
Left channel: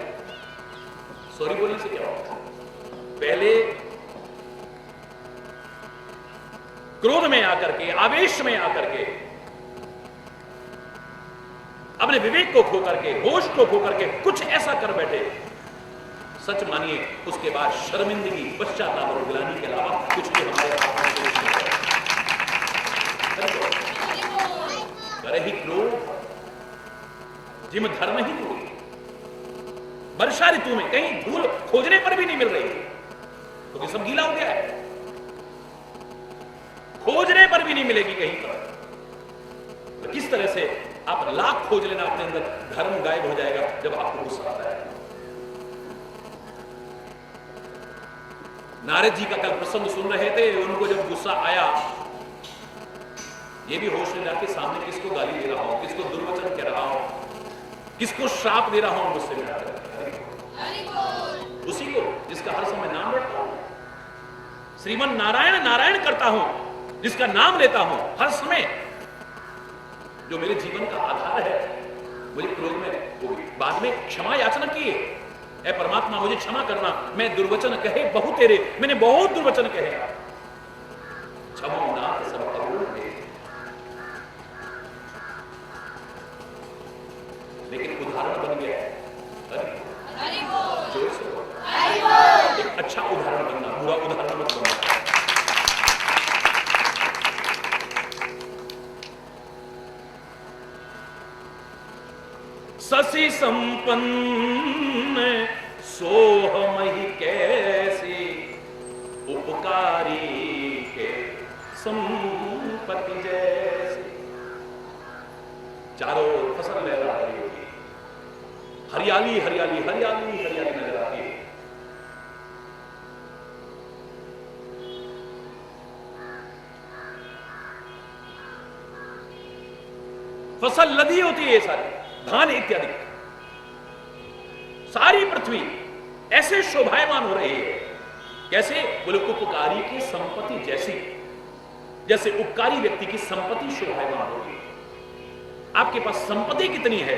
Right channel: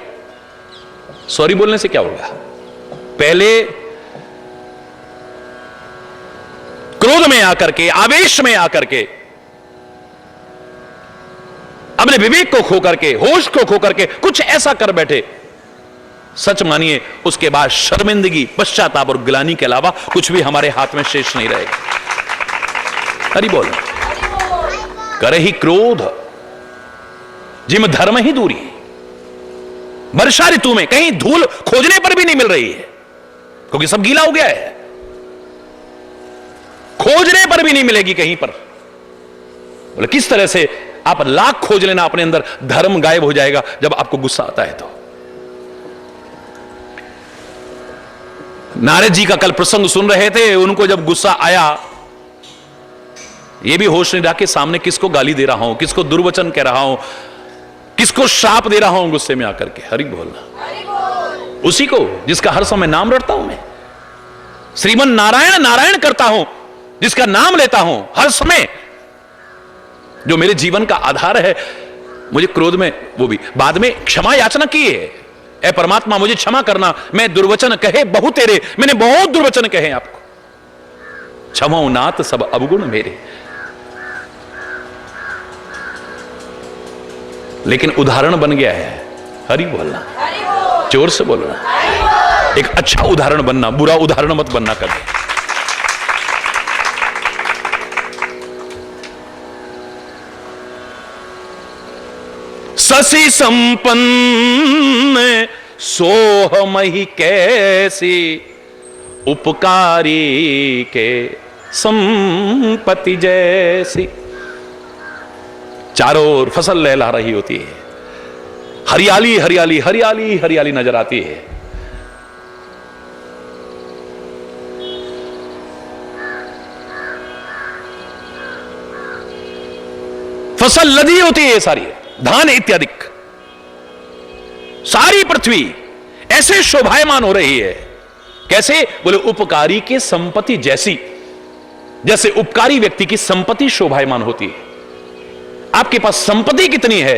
सॉरी बोलने से क्या होगा? पहले क्रोध में आकर के, आवेश में आकर के, अपने विवेक को खो करके, होश को खो करके कुछ ऐसा कर बैठे, सच मानिए उसके बाद शर्मिंदगी, पश्चाताप और गिलानी के अलावा कुछ भी हमारे हाथ में शेष नहीं रहेगा। हरि बोल। करे ही क्रोध जिम धर्म ही दूरी। वर्षा ऋतु में कहीं धूल खोजने पर भी नहीं मिल रही है, क्योंकि सब गीला हो गया है। खोजने पर भी नहीं मिलेगी कहीं पर। बोले किस तरह से? आप लाख खोज लेना, अपने अंदर धर्म गायब हो जाएगा जब आपको गुस्सा आता है तो। नारद जी का कल प्रसंग सुन रहे थे, उनको जब गुस्सा आया, यह भी होश नहीं रहा कि सामने किसको गाली दे रहा हूं, किसको दुर्वचन कह रहा हूं, किसको शाप दे रहा हूं गुस्से में आकर के। हरि बोलना, उसी को जिसका हर समय नाम रटता हूं मैं, श्रीमन नारायण नारायण करता हूं, जिसका नाम लेता हूं हर समय, जो मेरे जीवन का आधार है। मुझे क्रोध में, वो भी बाद में क्षमा याचना की है, ऐ परमात्मा मुझे क्षमा करना, मैं दुर्वचन कहे बहु तेरे, मैंने बहुत दुर्वचन कहे आपको, क्षमो नाथ सब अवगुण मेरे। लेकिन उदाहरण बन गया है, हरि बोलना, जोर से बोलना, एक अच्छा उदाहरण बनना, बुरा उदाहरण मत बनना कभी। ससी संपन्न सोहमहि कैसी, उपकारी के संपत्ति जैसी। चारों ओर फसल लहला रही होती है, हरियाली हरियाली हरियाली हरियाली नजर आती है। फसल लदी होती है सारी, धान इत्यादि, सारी पृथ्वी ऐसे शोभायमान हो रही है। कैसे? बोले उपकारी की संपत्ति जैसी, जैसे उपकारी व्यक्ति की संपत्ति शोभायमान होती है। आपके पास संपत्ति कितनी है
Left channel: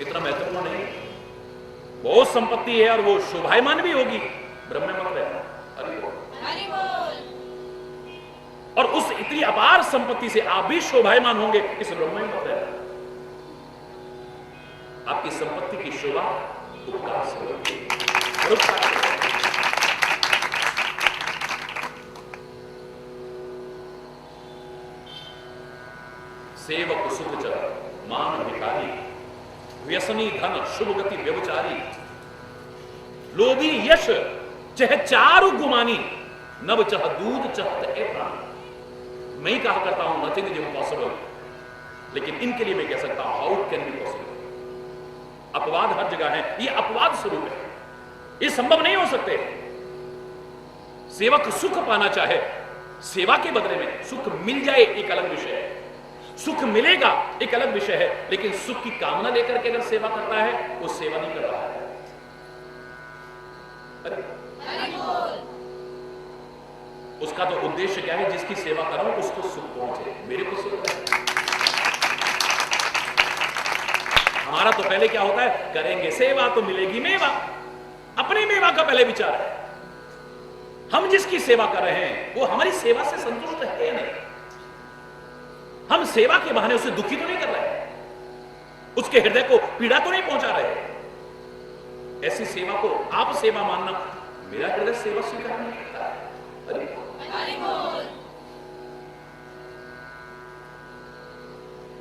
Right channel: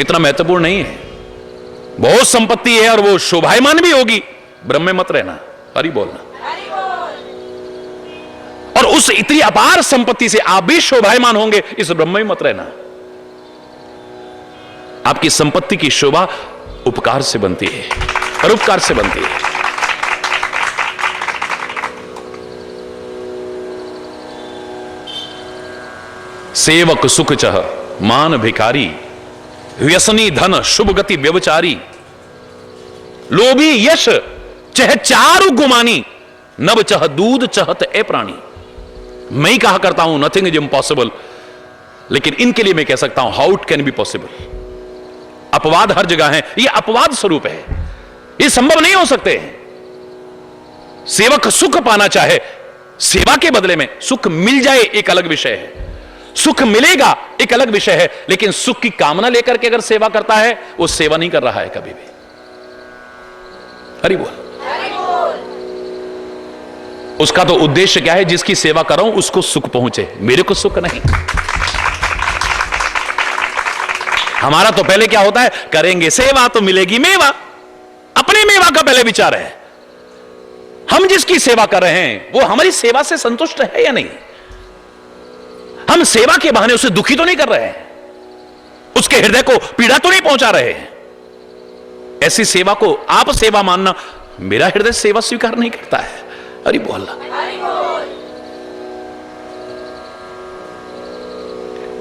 इतना महत्वपूर्ण नहीं है, बहुत संपत्ति है और वो शोभायमान भी होगी, ब्रह्म में मत रहना, हरि बोलना। और उस इतनी अपार संपत्ति से आप भी शोभायमान होंगे, इस ब्रह्म में मत रहना। आपकी संपत्ति की शोभा उपकार से बनती है, परोपकार से बनती है। सेवक सुख चह मान भिखारी, व्यसनी धन शुभ गति व्यभिचारी, लोभी यश चह चारु गुमानी, नव चह दूध चहत ए प्राणी। मैं ही कहा करता हूं नथिंग इज इम्पॉसिबल, लेकिन इनके लिए मैं कह सकता हूं how it can be possible. अपवाद हर जगह है, ये अपवाद स्वरूप है, ये संभव नहीं हो सकते हैं। सेवक सुख पाना चाहे, सेवा के बदले में सुख मिल जाए एक अलग विषय है, सुख मिलेगा एक अलग विषय है, लेकिन सुख की कामना लेकर के अगर सेवा करता है, वो सेवा नहीं कर रहा है कभी भी। हरि बोल। उसका तो उद्देश्य क्या है? जिसकी सेवा कर रहा हूं उसको सुख पहुंचे, मेरे को सुख नहीं। हमारा तो पहले क्या होता है, करेंगे सेवा तो मिलेगी मेवा, अपने मेवा का पहले विचार है। हम जिसकी सेवा कर रहे हैं वो हमारी सेवा से संतुष्ट है या नहीं? हम सेवा के बहाने उसे दुखी तो नहीं कर रहे हैं, उसके हृदय को पीड़ा तो नहीं पहुंचा रहे हैं। ऐसी सेवा को आप सेवा मानना, मेरा हृदय सेवा स्वीकार नहीं करता है। हरि बोलना।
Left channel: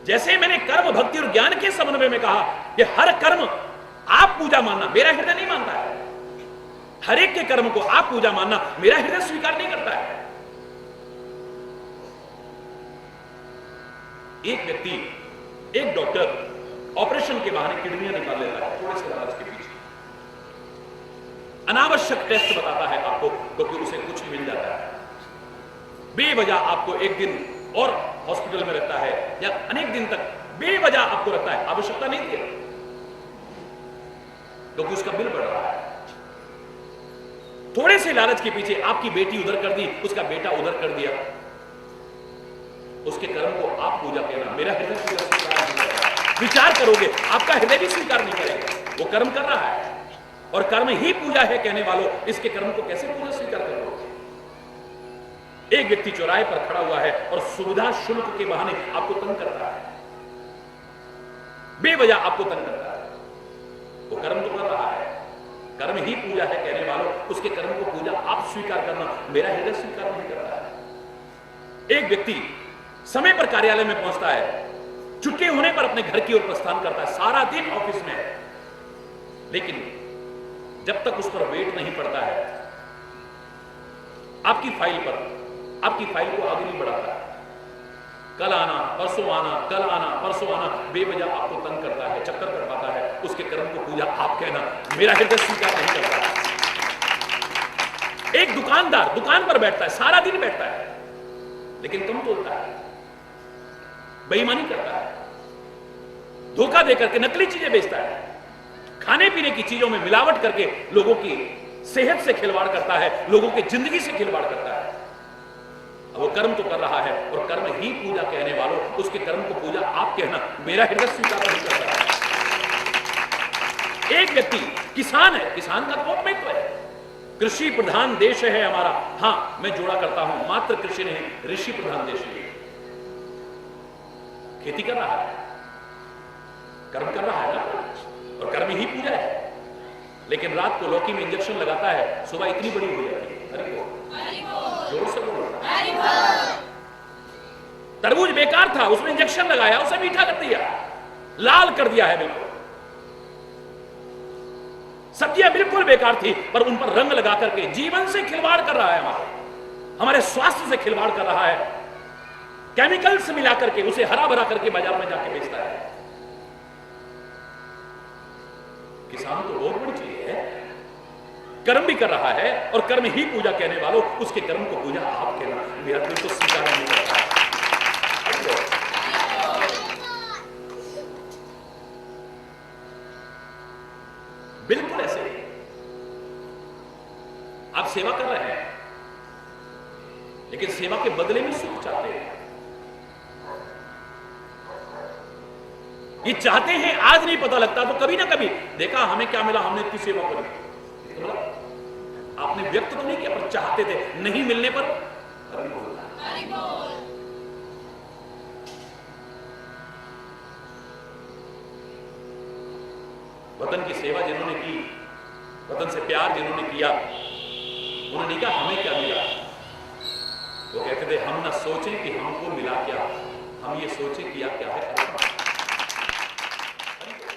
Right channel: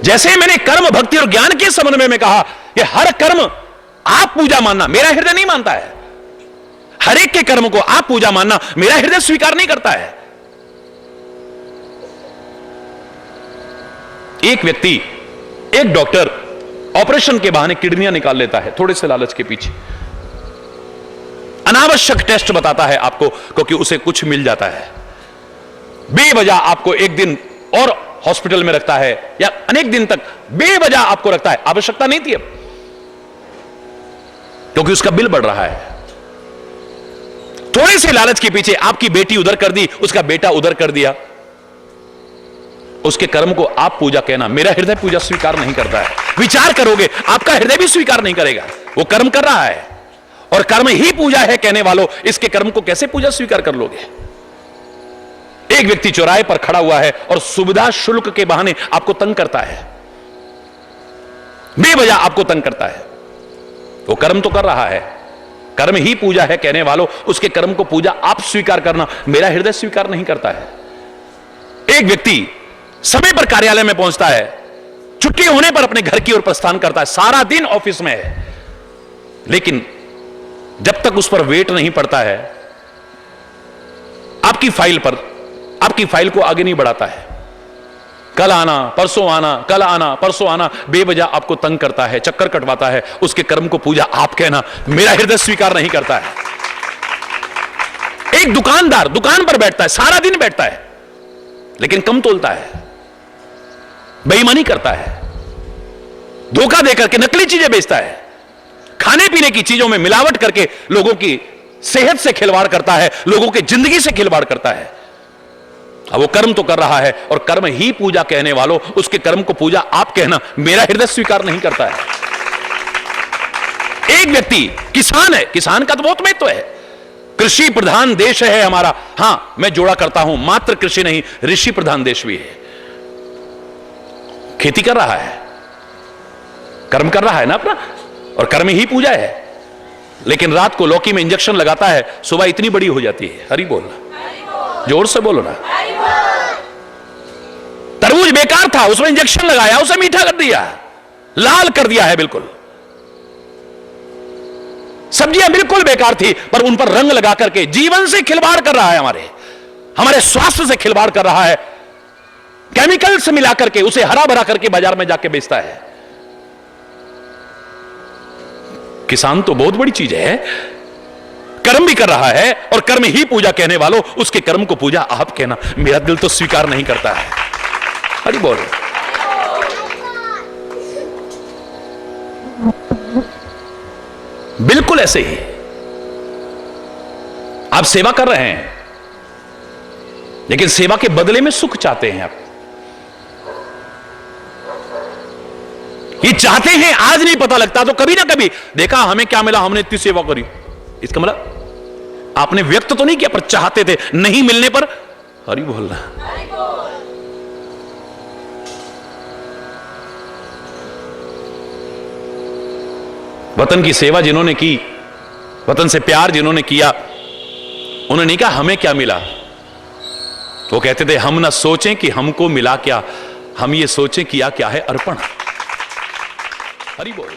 जैसे मैंने कर्म भक्ति और ज्ञान के समन्वय में कहा कि हर कर्म आप पूजा मानना, मेरा हृदय नहीं मानता है। हर एक के कर्म को आप पूजा मानना, मेरा हृदय स्वीकार नहीं करता है। एक व्यक्ति, एक डॉक्टर ऑपरेशन के बहाने किडनियां निकाल लेता है, थोड़े से लालच के पीछे। अनावश्यक टेस्ट बताता है आपको, क्योंकि उसे कुछ मिल जाता है। बेवजह आपको एक दिन और हॉस्पिटल में रखता है, या अनेक दिन तक बेवजह आपको रखता है। आवश्यकता नहीं थी अब, क्योंकि उसका बिल बढ़ रहा है। थोड़े से लालच के पीछे आपकी बेटी उधर कर दी, उसका बेटा उधर कर दिया। उसके कर्म को आप पूजा कहना, मेरा हृदय पूजा स्वीकार नहीं करता है। विचार करोगे, आपका हृदय भी स्वीकार नहीं करेगा। वो कर्म कर रहा है और कर्म ही पूजा है कहने वालों, इसके कर्म को कैसे पूजा स्वीकार कर लोगे? एक व्यक्ति चौराहे पर खड़ा हुआ है और सुविधा शुल्क के बहाने आपको तंग करता है, बेवजह आपको तंग करता है। वो कर्म तो कर रहा है, कर्म ही पूजा है कहने वालों, उसके कर्म को पूजा आप स्वीकार करना, मेरा हृदय स्वीकार नहीं करता है। एक व्यक्ति समय पर कार्यालय में पहुंचता है, छुट्टी होने पर अपने घर की ओर प्रस्थान करता है, सारा दिन ऑफिस में है, लेकिन जब तक उस पर वेट नहीं पड़ता है, आपकी फाइल को आगे नहीं बढ़ाता है। कल आना, परसों आना, कल आना, परसों आना, बेवजह आपको तंग करता है, चक्कर कटवाता है। उसके कर्म को पूजा आप कहना, मेरा हृदय स्वीकार नहीं करता है। एक दुकानदार दुकान पर बैठता है, सारा दिन बैठता है, लेकिन कम तोलता है, बेईमानी करता है, धोखा देकर के नकली चीजें बेचता है, खाने पीने की चीजों में मिलावट करके लोगों की सेहत से खिलवाड़ करता है, लोगों की जिंदगी से खिलवाड़ करता है। अब वो कर्म तो कर रहा है, और कर्म ही पूजा कहने वालों, उसके कर्म को पूजा आप कहना, मेरा हृदय स्वीकार नहीं करता है। एक व्यक्ति किसान है, किसान का तो बहुत महत्व है। कृषि प्रधान देश है हमारा। हां, मैं जोड़ा करता हूं, मात्र कृषि नहीं, ऋषि प्रधान देश भी है। खेती कर रहा है, कर्म कर रहा है ना अपना, और कर्म ही पूजा है। लेकिन रात को लौकी में इंजेक्शन लगाता है, सुबह इतनी बड़ी हो जाती है। हरि बोल, जोर से बोलो ना। तरबूज बेकार था, उसमें इंजेक्शन लगाया, उसे मीठा कर दिया, लाल कर दिया है बिल्कुल। सब्जियां बिल्कुल बेकार थी, पर उन पर रंग लगा करके जीवन से खिलवाड़ कर रहा है, हमारे स्वास्थ्य से खिलवाड़ कर रहा है, केमिकल से मिला करके उसे हरा भरा करके बाजार में जाके बेचता है। किसान तो बहुत बड़ी चीज है, कर्म भी कर रहा है, और कर्म ही पूजा कहने वालों, उसके कर्म को पूजा आप कहना, मेरा दिल तो स्वीकार नहीं करता है। अरे बोलो, बिल्कुल ऐसे ही आप सेवा कर रहे हैं, लेकिन सेवा के बदले में सुख चाहते हैं आप। ये चाहते हैं, आज नहीं पता लगता तो कभी ना कभी देखा हमें क्या मिला, हमने इतनी सेवा करी। इसका मतलब आपने व्यक्त तो नहीं किया, पर चाहते थे, नहीं मिलने पर हरि बोलना। वतन की सेवा जिन्होंने की, वतन से प्यार जिन्होंने किया, उन्होंने नहीं कहा हमें क्या मिला, वो कहते थे हम ना सोचें कि हमको मिला क्या, हम ये सोचें किया क्या है अर्पण। हरि बोल।